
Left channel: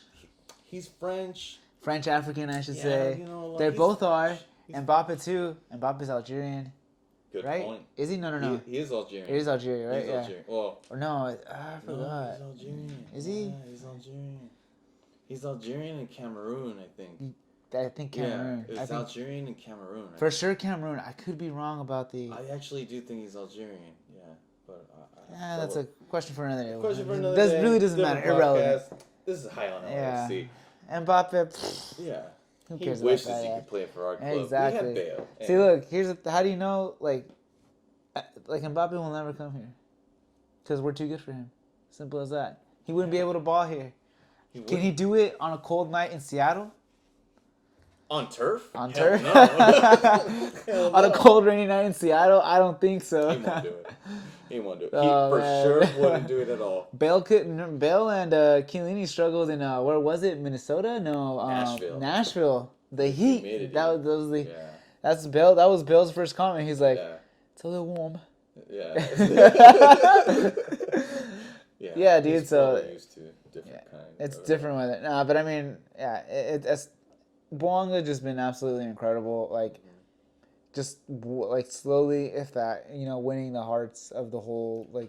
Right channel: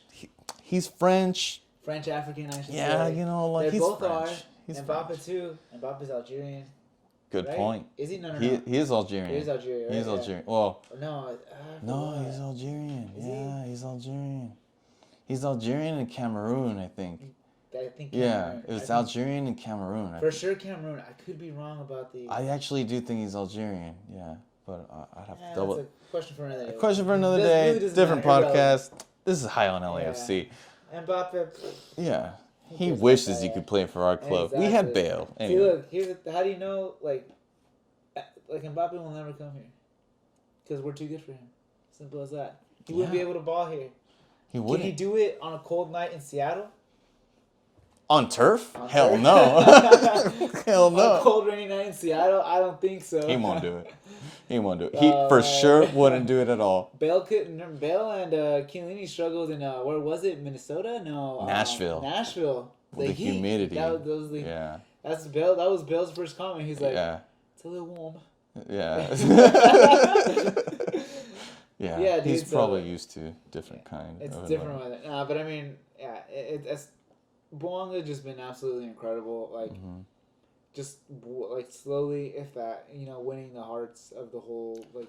He's French. French African, I should say. Yeah, you know, like they both French. are. Mbappe too. Mbappe's Algerian. Good point. Is he? No. He is Algerian. He is Algerian, right? He's Algerian. Well, or no, he's Algerian. Is he? Yeah, he's Algerian. He's Algerian and Cameroon, I think. I think Cameroon. Yeah, it was Algerian and Cameroon. For sure, Cameroon. I could be wrong about the. I actually do think he's Algerian. Yeah, but I'd have to double. That's a question for another day. Question for another day. Really doesn't different matter. Podcast. Irrelevant. This is High on LAFC. Yeah. Mbappe. Yeah. He wishes he could play for our club. Exactly. We had Bale. Anyway. See, look. How do you know? Like Mbappe will never come here because we're too good for him. Simple as that. He wouldn't be able to ball here. Can he do it on a cold night in Seattle? On turf? On Hell turf? no. Hell no. On a cold rainy night in Seattle? I don't think so. He won't do it. He won't do it. He for sure wouldn't do it at all. Bale and Chiellini struggled in where was it? Minnesota? No. Nashville. Nashville. The heat. Humidity. That's Bale. That was Bale's first comment. He's like, it's a little warm. Yeah. Yeah, dude. He's probably used to different kind. It's different weather. Nah, but I mean, yeah, it's Buonga just been absolutely incredible. Like, just like slowly, if that, you know, winning the hearts of the whole like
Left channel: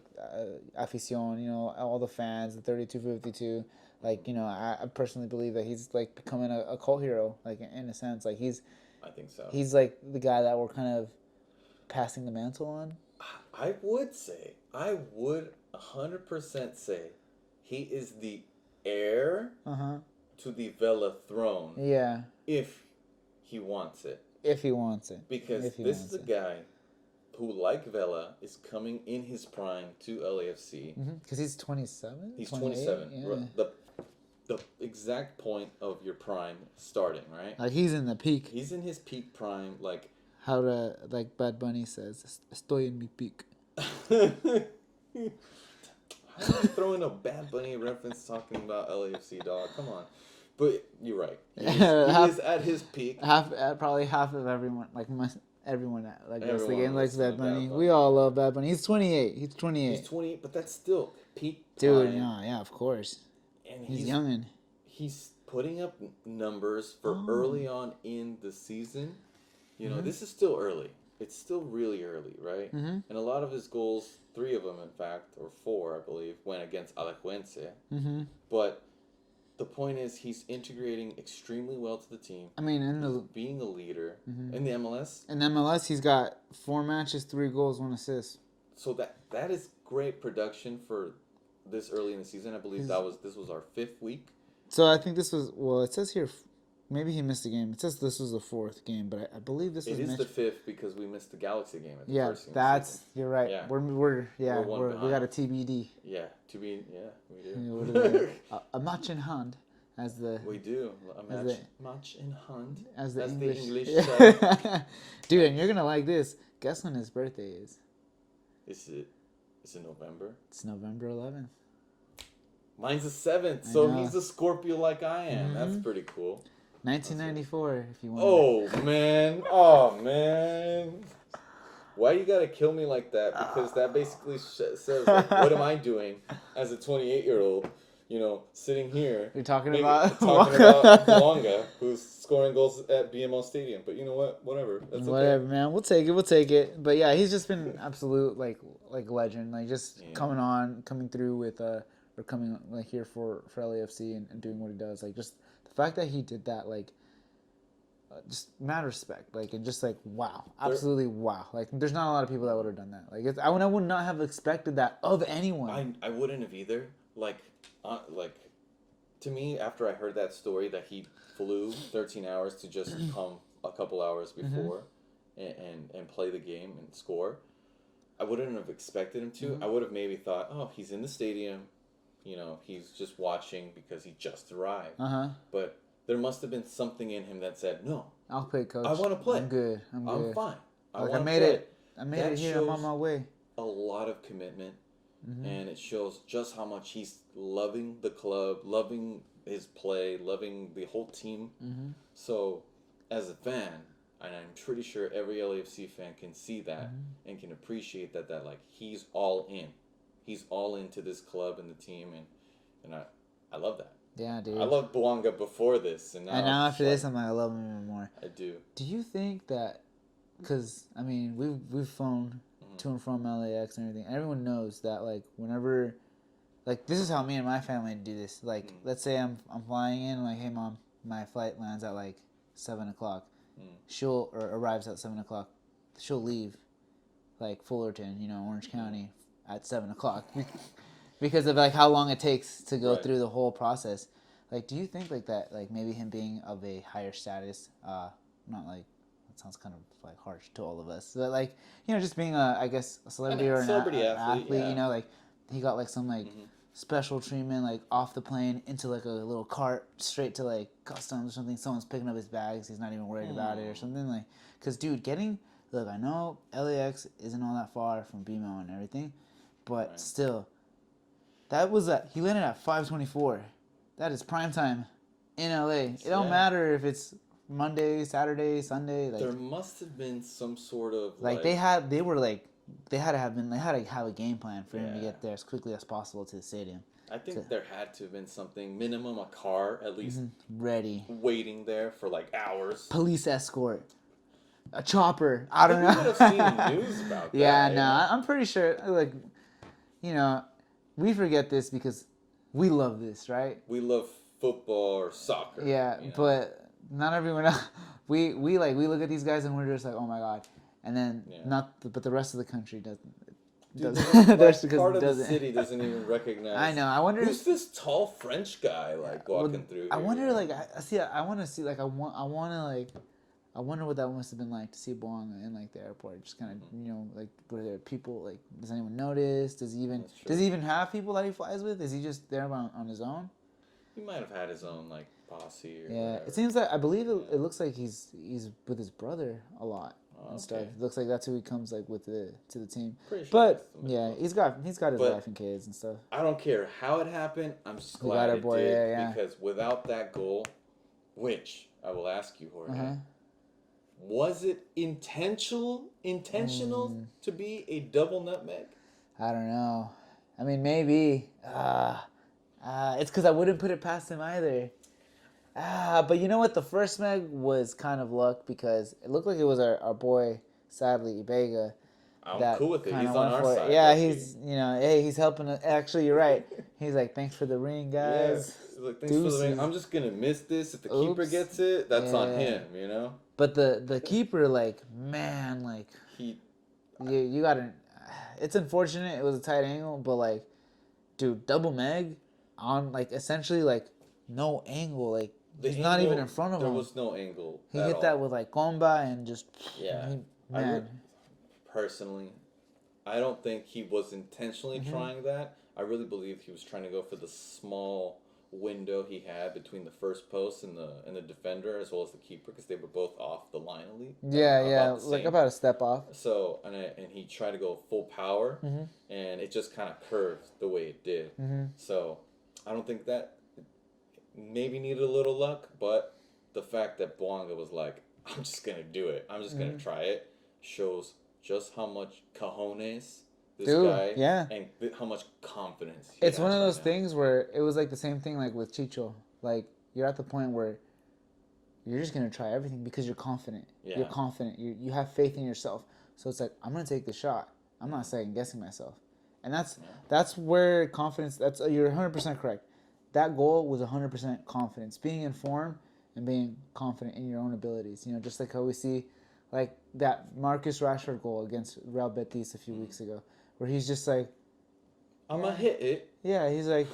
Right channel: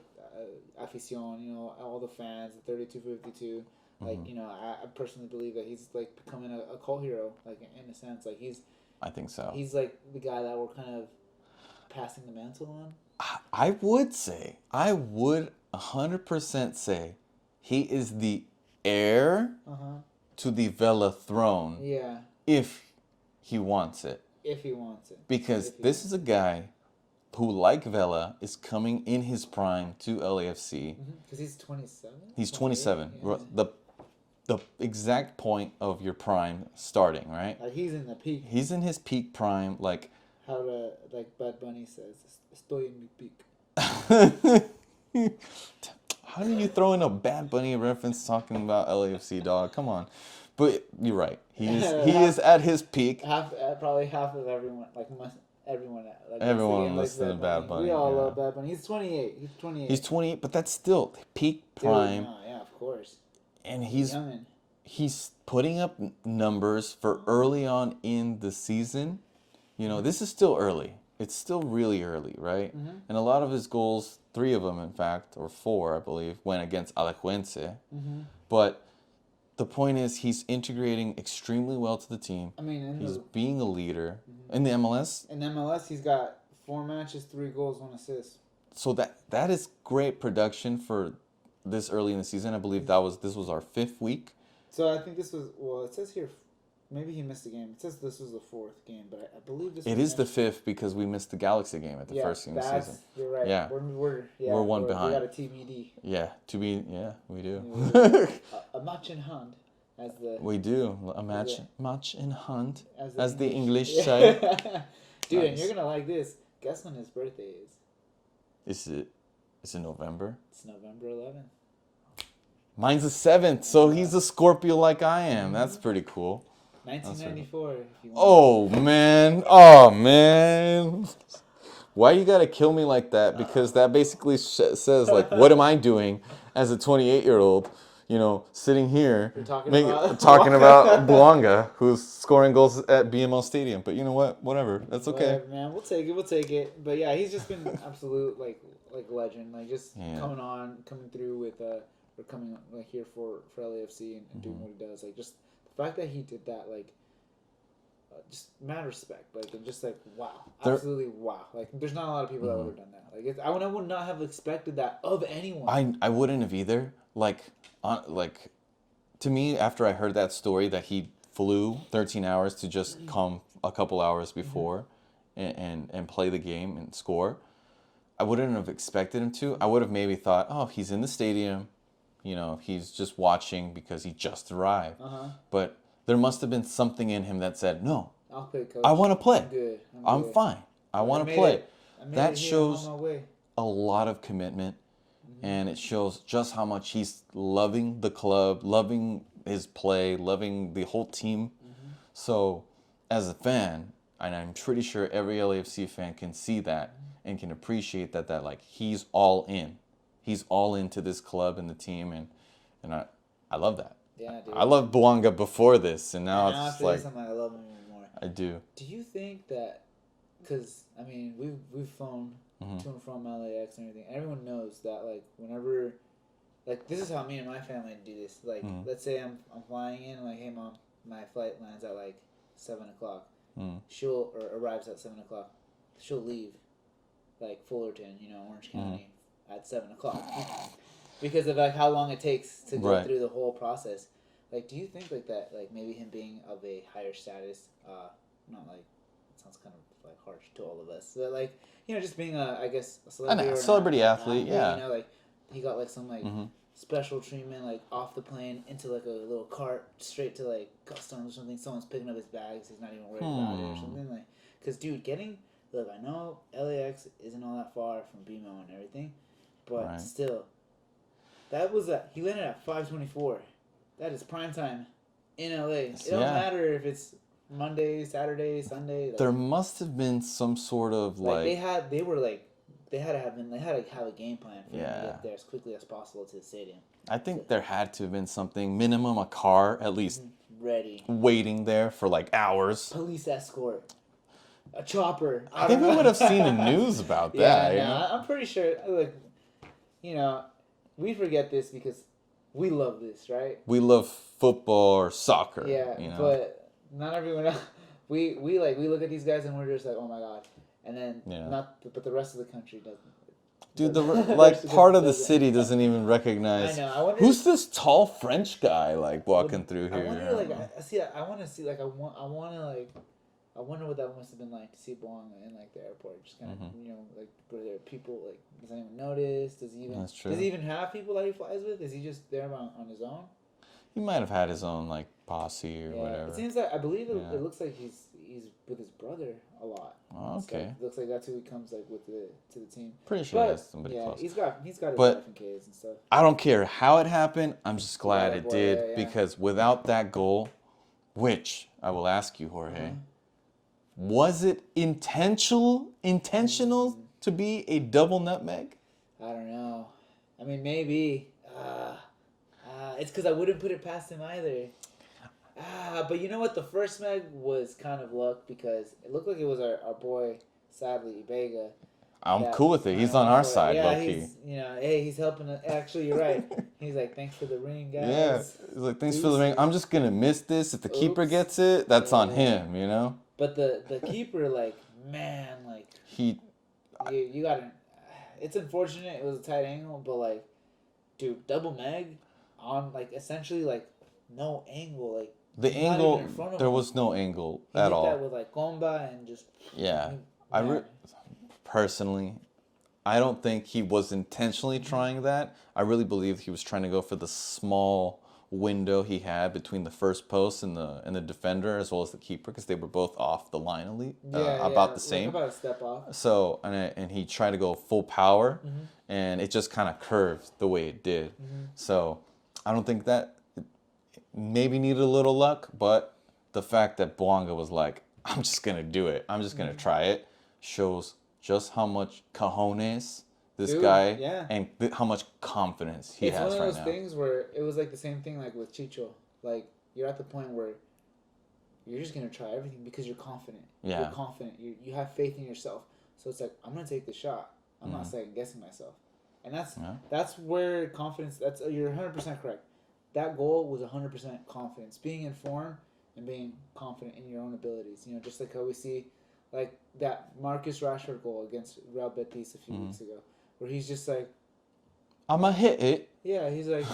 afición, you know, all the fans, the 3252. Like, you know, I personally believe that he's like becoming a cult hero, like in a sense. Like I think so. He's like the guy that we're kind of passing the mantle on. I would 100% say he is the heir to the Vela throne. Yeah. If he wants it. Because this is a guy who, like Vela, is coming in his prime to LAFC. Because he's 27? He's 27. Yeah. The exact point of your prime starting, right? Like he's in the peak. He's in his peak prime, like... like Bad Bunny says, estoy en mi peak. How do you throw in a Bad Bunny reference talking about LAFC, dog? Come on. But you're right. He is at his peak. Probably half of everyone, like everyone likes Everyone likes listens to Bad Bad Bunny. Bunny, We all yeah. love Bad Bunny. He's 28. He's 28. He's 28, but that's still peak Dude, prime. no, yeah, of course. And He's youngin'. he's putting up numbers for early on in the season. You know, this is still early. It's still really early, right? Mm-hmm. And a lot of his goals, 3 of them, in fact, or 4, I believe, went against Alajuelense. Mm-hmm. But the point is, he's integrating extremely well to the team. I mean, He's being a leader Mhm. in the MLS. in MLS, he's got 4 matches, 3 goals, 1 assist. So that is great production for this early in the season. I believe this was our 5th week. So I think this was, well, it says here, maybe he missed a game. It says this was the 4th game, but I believe this. It is the 5th because we missed the Galaxy game at the first game of the season. You're right. Yeah. We're one behind. We got a TBD. Yeah, we do. A match in hand, as the We do a match in hand, as the English say. Dude, and Nice. you're gonna like this. Guess when his birthday is? Is it November? It's November 11th. Mine's the 7th, so know. he's a Scorpio like I am. Mm-hmm. That's pretty cool. 1994, if you want. Oh man! Why you gotta kill me like that? Because that basically says like, what am I doing as a 28-year-old? You know, sitting here You're talking about Buonga, who's scoring goals at BMO Stadium. But you know what? Whatever. That's okay. Whatever, man. We'll take it. But yeah, he's just been absolute like legend. Like just coming through with or coming like here for LAFC and doing what he does. Like just the fact that he did that, like just mad respect. Like and just like wow, absolutely wow. Like there's not a lot of people that would have done that. Like I would not have expected that of anyone. I wouldn't have either. Like to me, after I heard that story that he flew 13 hours to just come a couple hours before and play the game and score, I wouldn't have expected him to. I would have maybe thought, oh, he's in the stadium, you know, he's just watching because he just arrived. But there must have been something in him that said, no, I'll play, coach. I want to play. I'm good. I'm fine. I want to play. That shows I'm on my way. a lot of commitment. And it shows just how much he's loving the club, loving his play, loving the whole team. So, as a fan, and I'm pretty sure every LAFC fan can see that and can appreciate that like he's all in. He's all into this club and the team, and I love that. Yeah, dude. I loved Buonga before this, and now after this, I'm like, I love him even more. I do. Do you think that? Because I mean, we've flown to and from LAX and everything. Everyone knows that like whenever, like this is how me and my family do this. Like let's say I'm flying in, like hey mom, my flight lands at like 7:00. She'll arrives at 7:00. She'll leave, like Fullerton, you know, Orange County, at 7:00, because of like how long it takes to go through the whole process. Like, do you think like that? Like maybe him being of a higher status, not like. Sounds kind of like harsh to all of us, but like you know, just being I guess a celebrity or an celebrity athlete, yeah. You know, like he got like some like special treatment, like off the plane into like a little cart straight to like customs or something. Someone's picking up his bags. He's not even worried about it or something like. Cause dude, look, I know LAX isn't all that far from BMO and everything, but still, that was he landed at 5:24. That is prime time in LA. It don't matter if it's Monday, Saturday, Sunday. Like, there must have been some sort of like they had to have a game plan for him to get there as quickly as possible to the stadium. I think there had to have been something, minimum a car at least ready, waiting there for like hours. Police escort, a chopper. I think we would have seen the news about that. Yeah, no, I'm pretty sure. Like, you know, we forget this because we love this, right? We love football or soccer. Yeah, you know? but not everyone else. We look at these guys and we're just like, oh my god, and then but the rest of the country doesn't. Dude, part of the city doesn't even recognize. I know. I wonder who's this tall French guy like walking through here. I wonder, like, I want to see, like, I wonder what that must have been like to see Buonga in like the airport. Just kind of, you know, like, were there people, like, does anyone notice? Does he even have people that he flies with? Is he just there on his own? He might have had his own like posse or whatever. It seems like I believe it looks like he's with his brother a lot. Oh, okay. It looks like that's who he comes like with to the team. Pretty sure. But yeah, he's got his wife and kids and stuff. I don't care how it happened. I'm just glad it did because without that goal, which I will ask you, Jorge, Was it intentional to be a double nutmeg? I don't know. I mean, maybe. It's because I wouldn't put it past him either. But you know what? The first meg was kind of luck because it looked like it was our boy, sadly, Ibega. I'm cool with it. kinda He's on went our for it. side. Yeah, low-key. he's hey, he's helping us. Actually, you're right. He's like, thanks for the ring, Yeah. guys. He's like, thanks for the ring. Deuces. I'm just gonna miss this. If the keeper Oops. gets it, that's on Yeah. him. You know. But the keeper, like, man, like you gotta. It's unfortunate. It was a tight angle, but like, dude, double meg on like essentially like no angle, like the he's angle. not even in front of there him. was no angle He at hit all. that with like comba and just Yeah. man. Personally, I don't think he was intentionally trying that. I really believe he was trying to go for the small window he had between the first post and the defender as well as the keeper because they were both off the line about the same. Like about a step off. So and he tried to go full power, and it just kind of curved the way it did. So I don't think that maybe needed a little luck, but the fact that Buonga was like, I'm just gonna do it. I'm just gonna try it shows just how much cojones this guy and how much confidence he has. It's one of those now. things where it was like the same thing like with Chicho. Like you're at the point where you're just gonna try everything because you're confident. Yeah. You're confident. You have faith in yourself. So it's like I'm gonna take the shot. I'm not second guessing myself, and that's where confidence. That's you're 100% correct. That goal was 100% confidence, being informed and being confident in your own abilities. You know, just like how we see, like that Marcus Rashford goal against Real Betis a few weeks ago, where he's just like, I'm gonna hit it. yeah, he's like,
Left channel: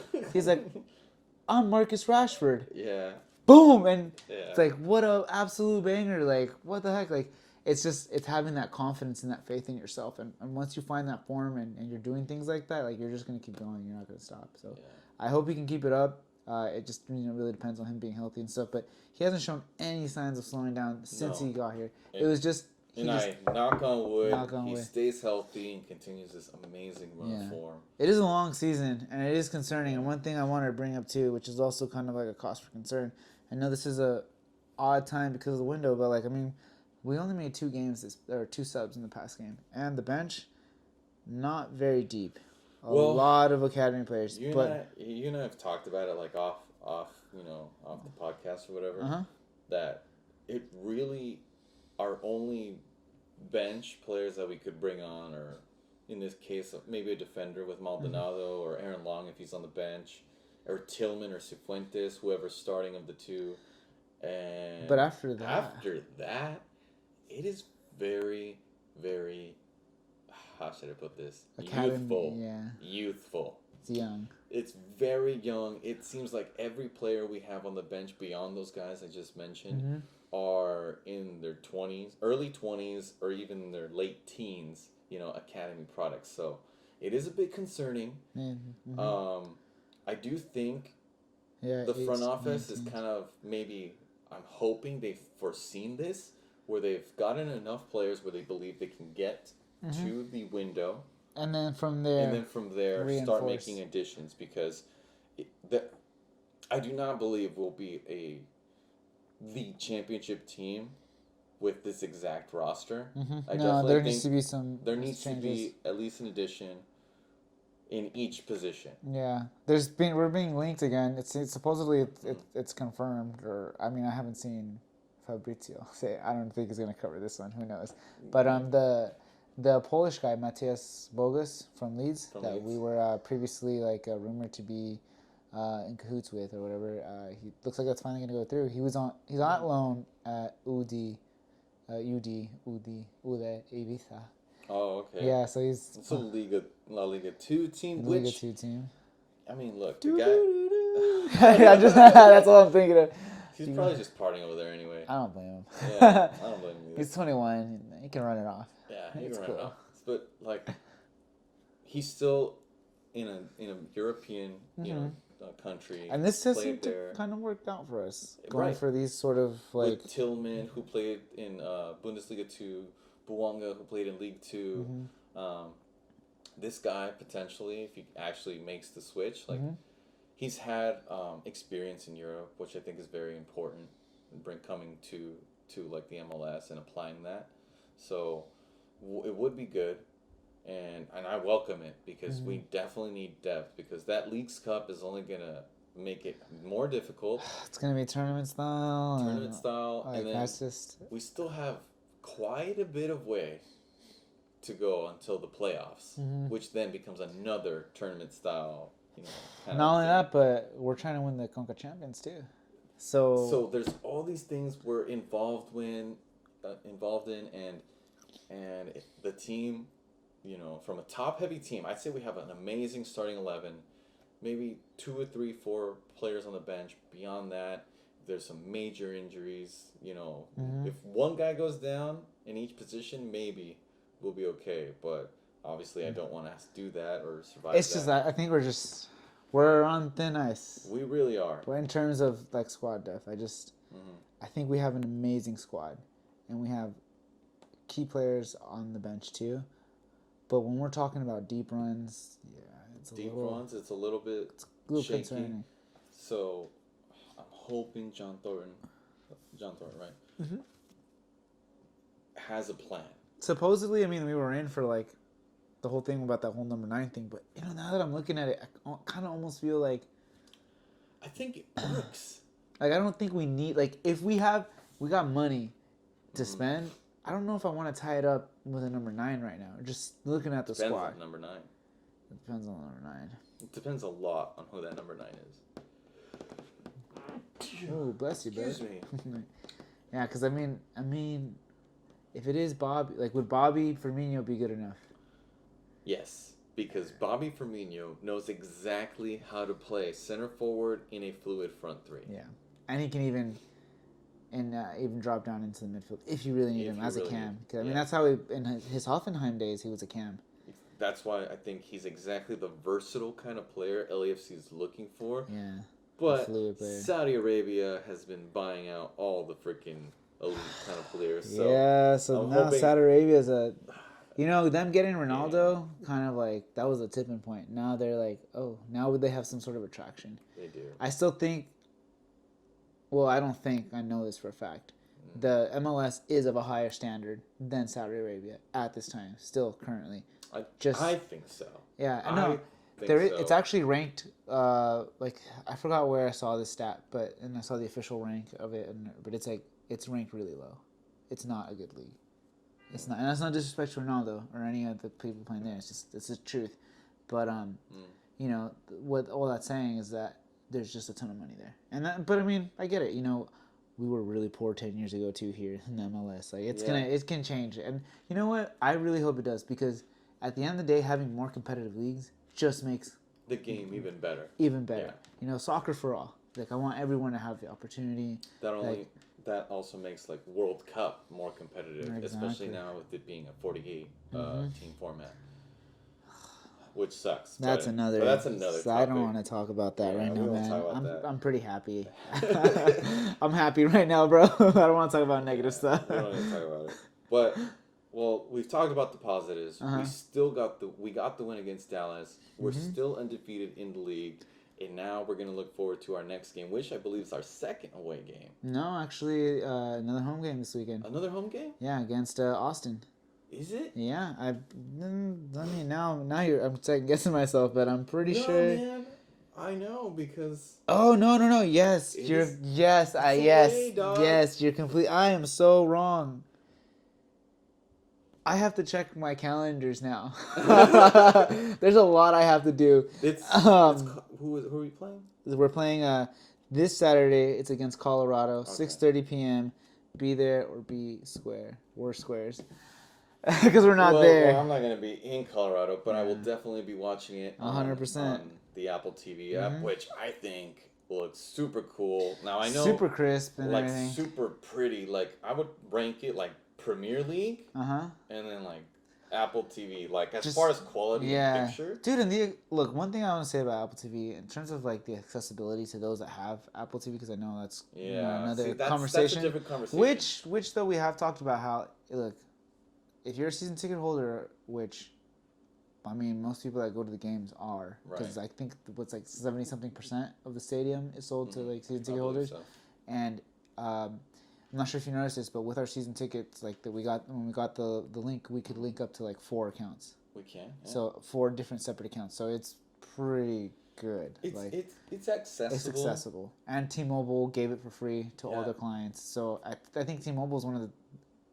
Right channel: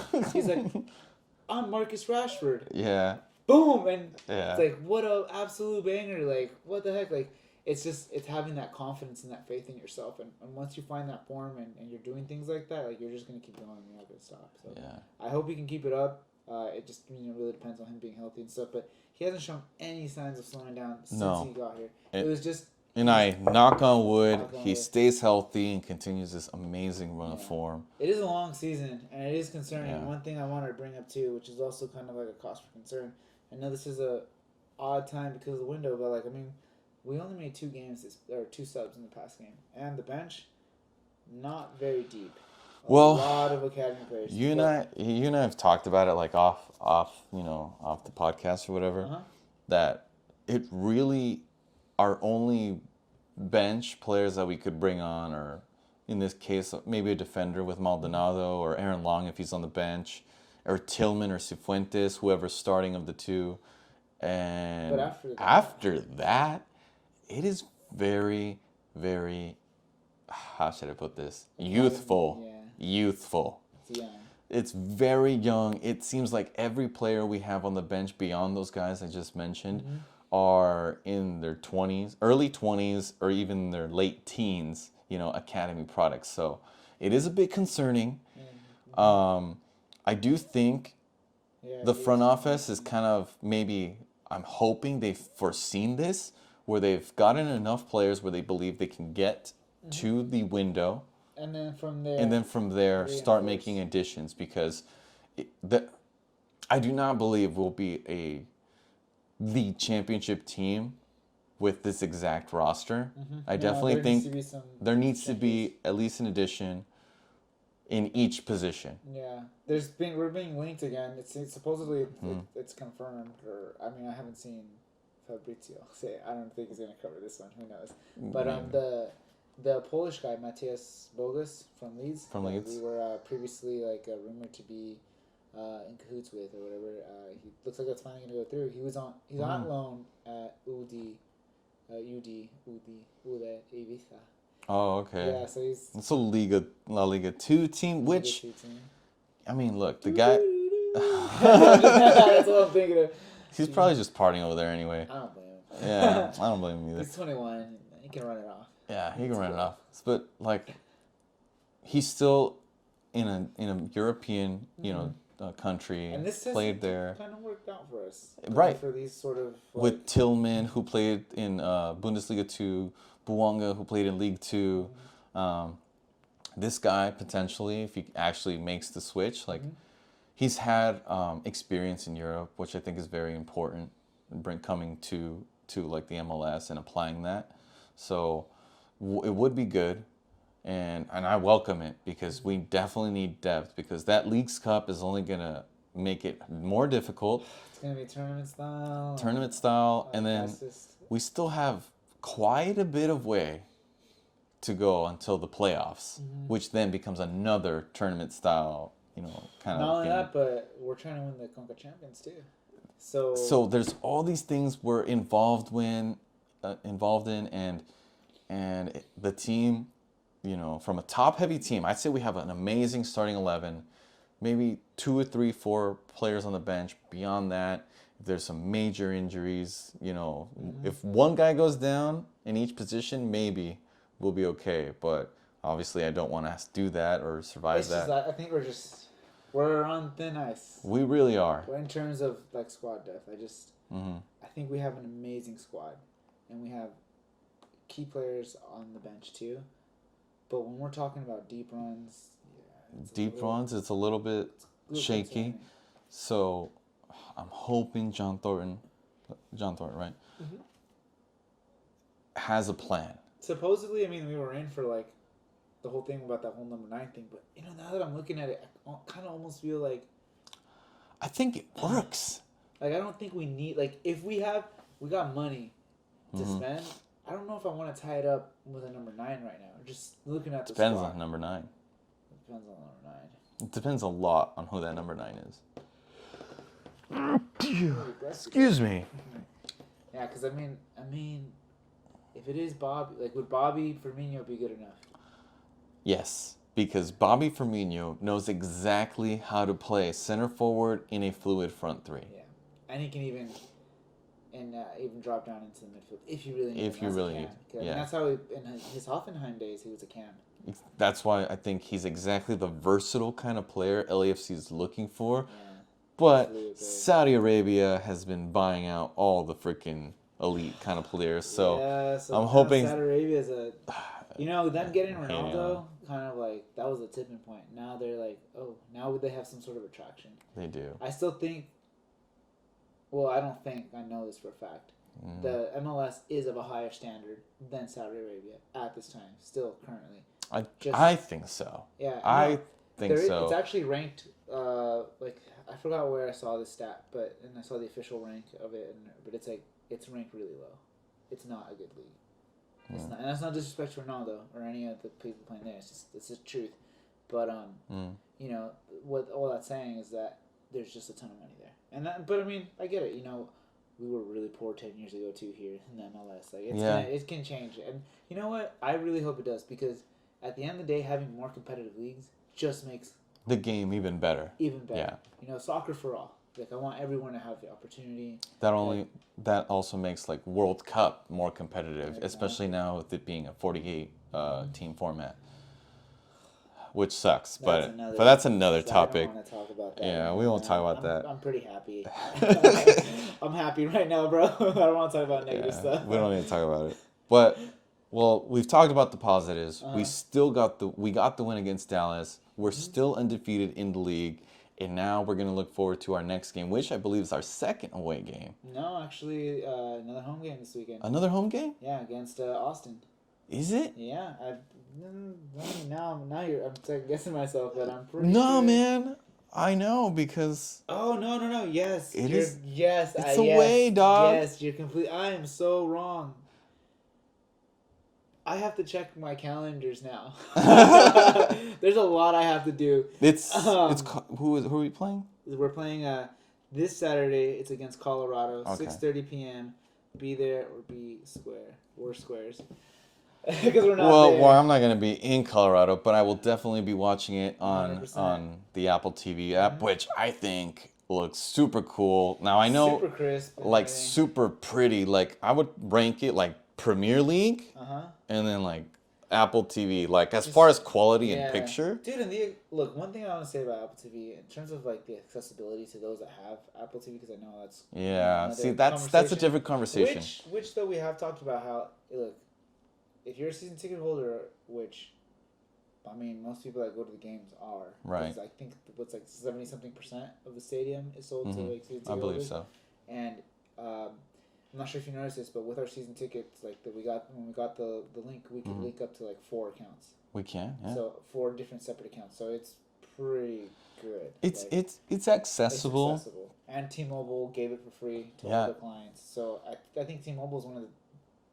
I'm Marcus Rashford. Yeah. Boom, and Yeah. it's like what a absolute banger. Like what the heck, like. It's having that confidence and that faith in yourself, and once you find that form and you're doing things like that, like you're just gonna keep going. You're not gonna stop. So I hope he can keep it up. It just really depends on him being healthy and stuff. But he hasn't shown any signs of slowing down since he got here. It was just. And knock on wood, he stays healthy and continues this amazing run of form. It is a long season, and it is concerning. And one thing I wanted to bring up too, which is also kind of like a cause for concern. I know this is a odd time because of the window, but like I mean. We only made 2 subs in the past game, and the bench, not very deep. A lot of academy players. You and I have talked about it like off the podcast or whatever. That it really our only bench players that we could bring on, or in this case maybe a defender with Maldonado or Aaron Long if he's on the bench, or Tillman or Cifuentes, whoever's starting of the two. And but after that. It is very, very, how should I put this? Youthful. Youthful. It's young. It's very young. It seems like every player we have on the bench beyond those guys I just mentioned are in their 20s, early 20s, or even their late teens, academy products. So it is a bit concerning. I do think the front office is kind of maybe, I'm hoping they've foreseen this, where they've gotten enough players where they believe they can get to the window. And then from there start making additions, because I do not believe we'll be the championship team with this exact roster. I definitely think there needs to be at least an addition in each position. Yeah, we're being linked again. It's supposedly it's confirmed, or I mean I haven't seen Fabrizio say. I don't think he's gonna cover this one. Who knows? But the Polish guy Matthias Bogus from Leeds. We were previously rumored to be in cahoots with or whatever. He looks like that's finally gonna go through. He's on loan at UD Ibiza. Oh, okay. Yeah, so it's a La Liga 2 team, which 2 team. I mean, look, the guy. That's what I'm thinking of. He's probably just partying over there anyway. I don't blame him. Yeah, I don't blame him either. He's 21. He can run it off. Yeah, he can run it off. But he's still in a European, country. And this played there. Kind of worked out for us, right? For these sort of with Tillman, who played in Bundesliga 2, Buonga, who played in League 2. This guy potentially, if he actually makes the switch, he's had experience in Europe, which I think is very important, coming to to like the MLS and applying that. So it would be good, and I welcome it because we definitely need depth, because that Leagues Cup is only gonna make it more difficult. It's gonna be tournament style. And then we still have quite a bit of way to go until the playoffs, which then becomes another tournament style, kind Not of only thing. that, but we're trying to win the Conca Champions too. So there's all these things we're involved in, and the team, from a top-heavy team, I'd say we have an amazing starting 11, maybe 2 or 3, 4 players on the bench. Beyond that, if there's some major injuries, if one guy goes down in each position, maybe we'll be okay. But obviously, I don't want us to do that or survive it's that. just that I think we're on thin ice. We really are. But in terms of like squad depth, I think we have an amazing squad, and we have key players on the bench too. But when we're talking about deep runs, it's a little bit shaky. Concerning. So I'm hoping John Thornton, right, has a plan. Supposedly, I mean, we were in for like the whole thing about that whole number 9 thing, but now that I'm looking at it, I kind of almost feel like I think it works. like I don't think we need, like, if we got money to spend, I don't know if I want to tie it up with a number 9 right now. Just looking at the Depends squad. on number 9. It depends on number 9. It depends a lot on who that number 9 is. Oh, bless you, Excuse me. Yeah, because I mean, if it is Bobby, like, would Bobby Firmino be good enough? Yes, because Bobby Firmino knows exactly how to play center forward in a fluid front three. Yeah, and he can even drop down into the midfield if you really need him as a cam. I mean, that's how in his Hoffenheim days he was a cam. That's why I think he's exactly the versatile kind of player LAFC is looking for. Yeah. But Saudi Arabia has been buying out all the freaking elite kind of players. So yeah, so I'm hoping Saudi Arabia is them getting Ronaldo kind of like that was a tipping point. Now they're like, oh, now they have some sort of attraction. They do. I still think. Well, I don't think, I know this for a fact. The MLS is of a higher standard than Saudi Arabia at this time, still currently. I think so. Yeah, I think so. It's actually ranked. Like, I forgot where I saw this stat, and I saw the official rank of it, but it's like it's ranked really low. It's not a good league. It's not, and that's not disrespect to Ronaldo or any of the people playing there. It's the truth. But what all that's saying is that there's just a ton of money there, but I mean, I get it. We were really poor 10 years ago too here in the MLS. Like it can change, and you know what? I really hope it does, because at the end of the day, having more competitive leagues just makes the game even better. Yeah. Soccer for all. Like, I want everyone to have the opportunity. That also makes like World Cup more competitive, especially now with it being a 48 team format. Which sucks, but that's another topic. I don't want to talk about that. Yeah, we won't talk about that. I'm pretty happy. I'm happy right now, bro. I don't want to talk about negative stuff. We don't need to talk about it. But we've talked about the positives. We got the win against Dallas. We're still undefeated in the league, and now we're gonna look forward to our next game, which I believe is our second away game. No, actually, another home game this weekend. Another home game? Yeah, against Austin. Is it? Yeah, I mean, now I'm second guessing myself, but I'm pretty sure. No, man. I know, because. Oh no! Yes, It's away, dog. Yes, you're complete. I am so wrong. I have to check my calendars now. There's a lot I have to do. Who are we playing? We're playing this Saturday. It's against Colorado, 6:30 p.m. Be there or be square. We're squares. Because we're not there. Well, I'm not going to be in Colorado, but I will definitely be watching it on 100%. On the Apple TV app, which I think looks super cool. Now, I know... Super crisp. And like, everything. super pretty. Like, I would rank it, like, Premier League. And then, like, Apple TV. Like, as far as quality and picture. Dude, look, one thing I want to say about Apple TV, in terms of, like, the accessibility to those that have Apple TV, because I know that's... Yeah, see, that's a different conversation. Which, though, we have talked about how, look, if you're a season ticket holder, which, I mean, most people that go to the games are. Right. Because I think what's like 70-something% of the stadium is sold to like season ticket holders. So. And I'm not sure if you noticed this, but with our season tickets, like that we got when we got the link, we could link up to like 4 accounts. We can. Yeah. So 4 different separate accounts. So it's pretty good. It's like, it's accessible. It's accessible. And T-Mobile gave it for free to all their clients. So I think T-Mobile is one of the,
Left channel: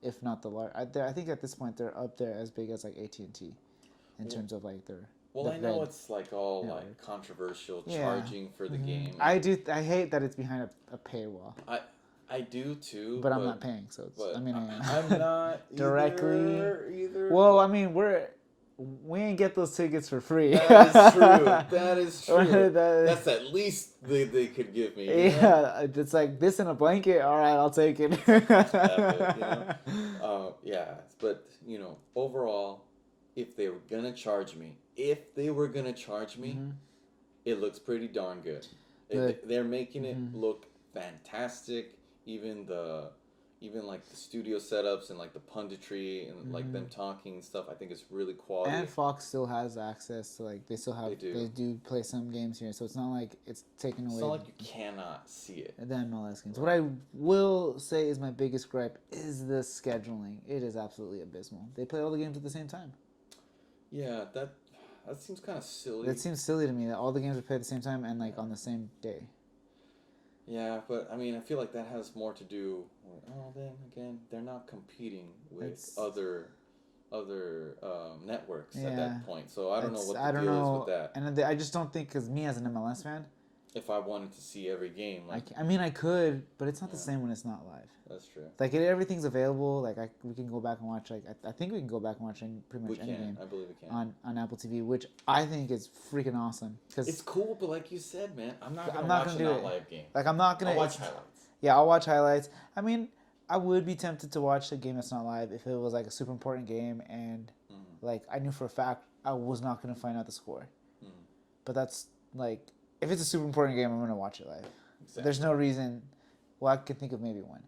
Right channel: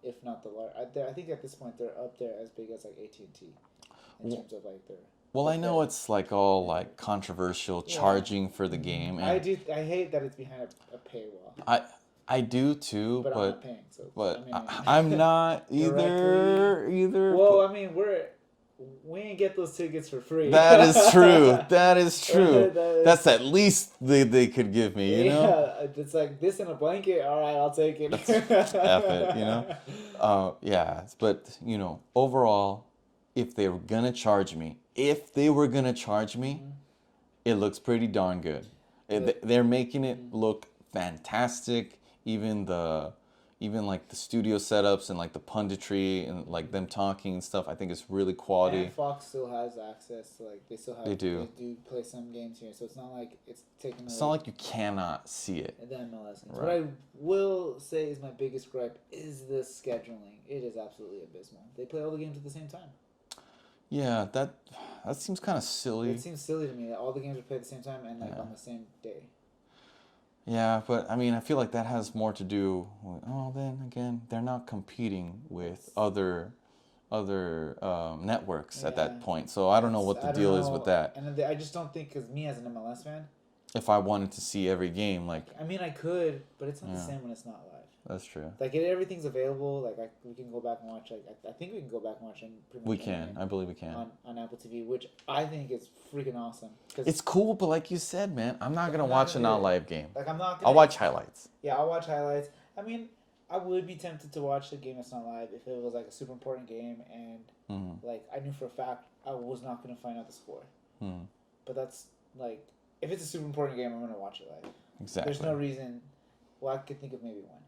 if not the large, I think at this point they're up there as big as like AT&T in terms of like their. Well, I know it's like all like controversial charging for the game. I hate that it's behind a paywall. I do too, but I'm not paying, so it's, but I mean, I'm not either. Well, I mean, we ain't get those tickets for free. That is true. That is true. That's at least they could give me. You know? It's like this in a blanket. All right, I'll take it. F it, you know. Yeah, but you know, overall, if they were gonna charge me, it looks pretty darn good. They're making it look fantastic. Even like the studio setups and like the punditry and like them talking and stuff, I think it's really quality. And Fox still has access to, like, they do play some games here, so it's not like it's taken away. It's not like you cannot see it. The MLS games. Right. What I will say is my biggest gripe is the scheduling. It is absolutely abysmal. They play all the games at the same time. Yeah, that seems kind of silly. It seems silly to me that all the games are played at the same time and like on the same day. Yeah, but I mean, I feel like that has more to do with, then again, they're not competing with other networks at that point. So I don't know what the deal is with that. And I just don't think, because me as an MLS fan, if I wanted to see every game, like I mean, I could, but it's not the same when it's not live. That's true. Like everything's available. Like we can go back and watch. Like I think we can go back and watch pretty much. We can. I believe we can on Apple TV, which I think is freaking awesome. Cause it's cool, but like you said, man, I'm not gonna watch a non-live game. Like I'm not gonna. I'll watch highlights. Yeah, I'll watch highlights. I mean, I would be tempted to watch a game that's not live if it was like a super important game and like I knew for a fact I was not gonna find out the score. But that's like, if it's a super important game, I'm gonna watch it live. Exactly. There's no reason. Well, I could think of maybe one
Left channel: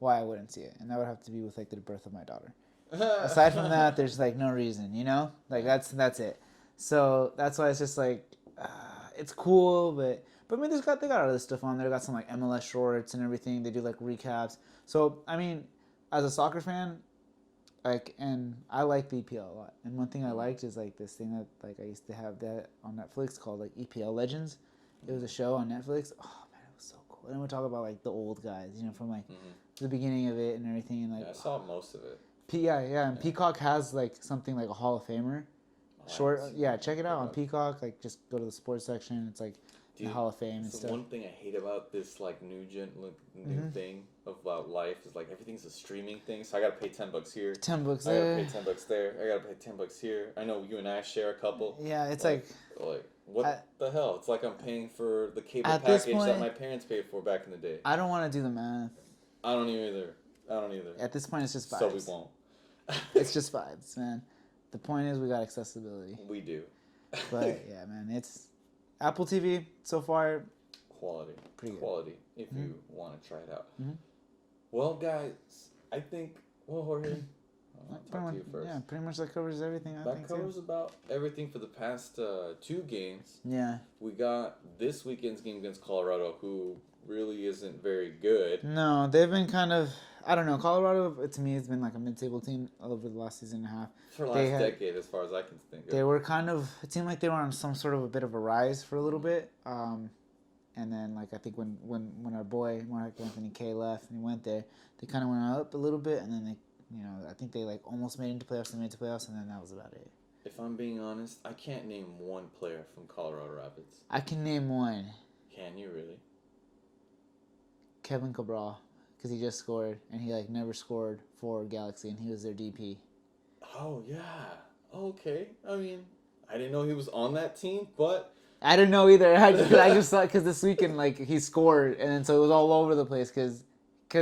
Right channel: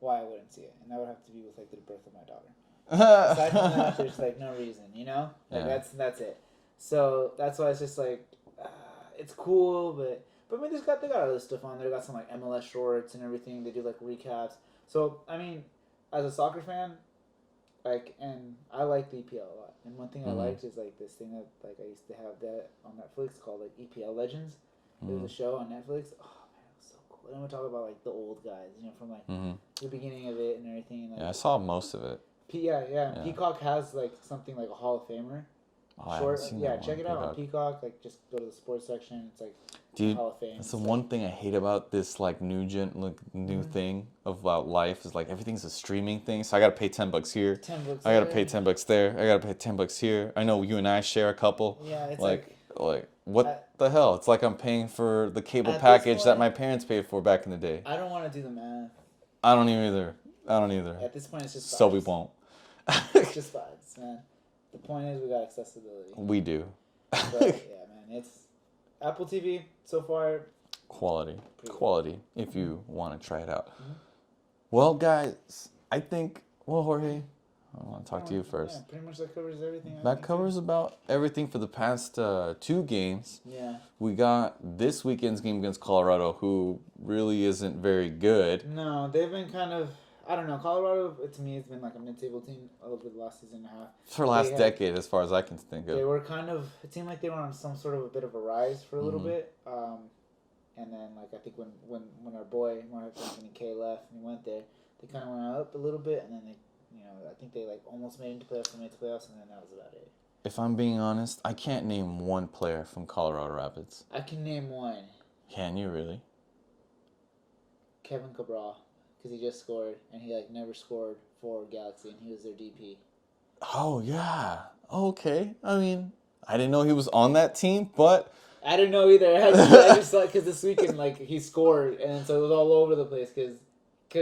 why I wouldn't see it, and that would have to be with like the birth of my daughter. Aside from that, there's like no reason, you know, like that's it. So that's why it's just like it's cool, but I mean, they got other stuff on there. They got some like MLS shorts and everything. They do like recaps. So I mean, as a soccer fan, like, and I like the EPL a lot. And one thing I liked is like this thing that like I used to have that on Netflix called like EPL Legends. It was a show on Netflix. Oh man, it was so cool. And then we talk about like the old guys, you know, from like the beginning of it and everything. And like, I saw most of it. And Peacock has like something like a Hall of Famer. Short, check it out on Peacock. Like, just go to the sports section. It's like Hall of Fame. That's the one thing I hate about this like new thing about life is like everything's a streaming thing. So I gotta pay $10 here. $10. I gotta pay $10 there. I gotta pay $10 here. I know you and I share a couple. Yeah, it's like what the hell? It's like I'm paying for the cable package that my parents paid for back in the day. I don't want to do the math. I don't either. At this point, it's just vibes. So we won't. It's just vibes, man. The point is, we got accessibility. We do. But yeah, man, it's Apple TV so far. Quality. If you want to try it out. Well, guys, I think. Well, Jorge, I want to talk to you first. Yeah, pretty much that covers everything. That covers about everything for the past 2 games. Yeah. We got this weekend's game against Colorado, who really isn't very good. No, they've been kind of. I don't know. Colorado, to me, has been like a mid-table team over the last season and a half. For the last decade, as far as I can think of. They were kind of, it seemed like they were on some sort of a bit of a rise for a little bit. And then, like, I think when our boy, Mark Anthony K left and he went there, they kind of went up a little bit. And then they, you know, I think they, like, almost made it into playoffs and made it to playoffs. And then that was about it. If I'm being honest, I can't name one player from Colorado Rapids. I can name one. Can you really? Kevin Cabral. Because he just scored, and he like never scored for Galaxy, and he was their DP. Oh yeah, okay. I mean, I didn't know he was on that team, but I didn't know either. I just thought because this weekend like he scored, and then so it was all over the place because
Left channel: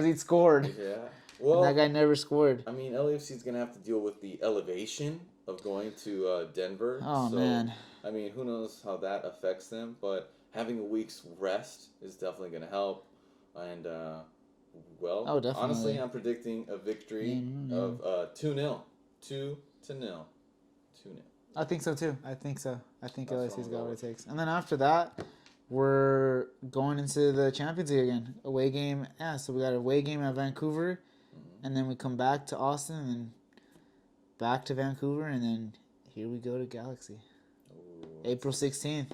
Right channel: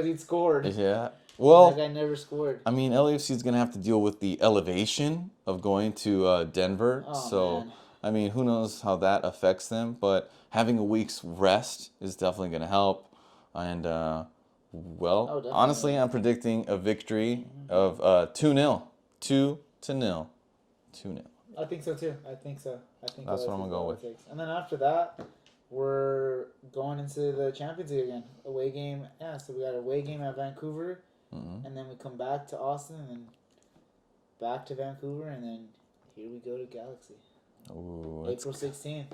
he scored. Yeah. Well, that guy never scored. I mean, LAFC is gonna have to deal with the elevation of going to Denver. Oh so, man. I mean, who knows how that affects them? But having a week's rest is definitely gonna help, and. Well, honestly, I'm predicting a victory of 2-0. 2-0. 2-0. I think so too. I think that's what I'm going to go with. And then after that, we're going into the Champions League again. Away game. Yeah, so we got an away game at Vancouver, and then we come back to Austin, and then back to Vancouver, and then here we go to Galaxy. Ooh, April 16th.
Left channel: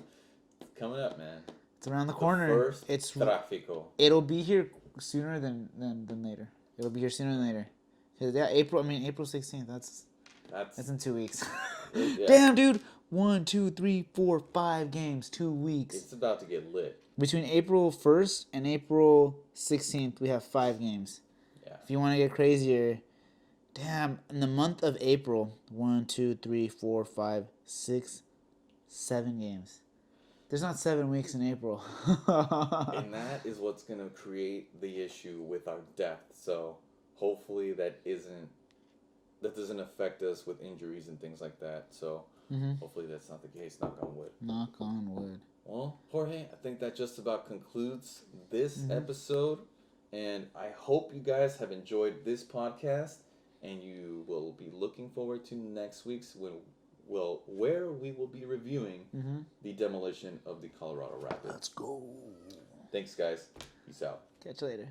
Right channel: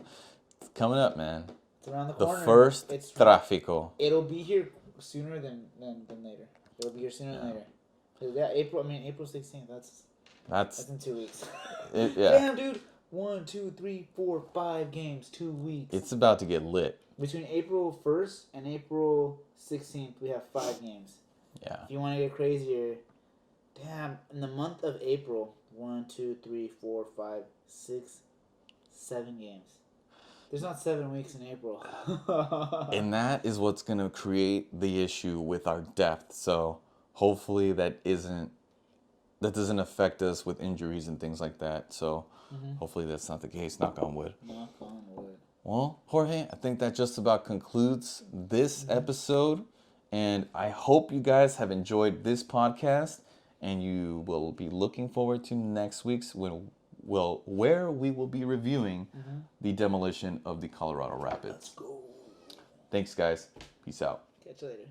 it's coming up, man. It's around the The corner. first tráfico. It'll be here sooner than later. It'll be here sooner than later. Yeah, April 16th. That's in 2 weeks. Yeah. Damn, dude. 1, 2, 3, 4, 5 games, 2 weeks. It's about to get lit. Between April 1st and April 16th, we have 5 games. Yeah. If you want to get crazier, damn, in the month of April, 1, 2, 3, 4, 5, 6, 7 games. There's not 7 weeks in April. And that is what's going to create the issue with our depth. So hopefully that doesn't affect us with injuries and things like that. So hopefully that's not the case. Knock on wood. Knock on wood. Well, Jorge, I think that just about concludes this episode. And I hope you guys have enjoyed this podcast. And you will be looking forward to next week's where we will be reviewing the demolition of the Colorado Rapids. Let's go. Thanks, guys. Peace out. Catch you later.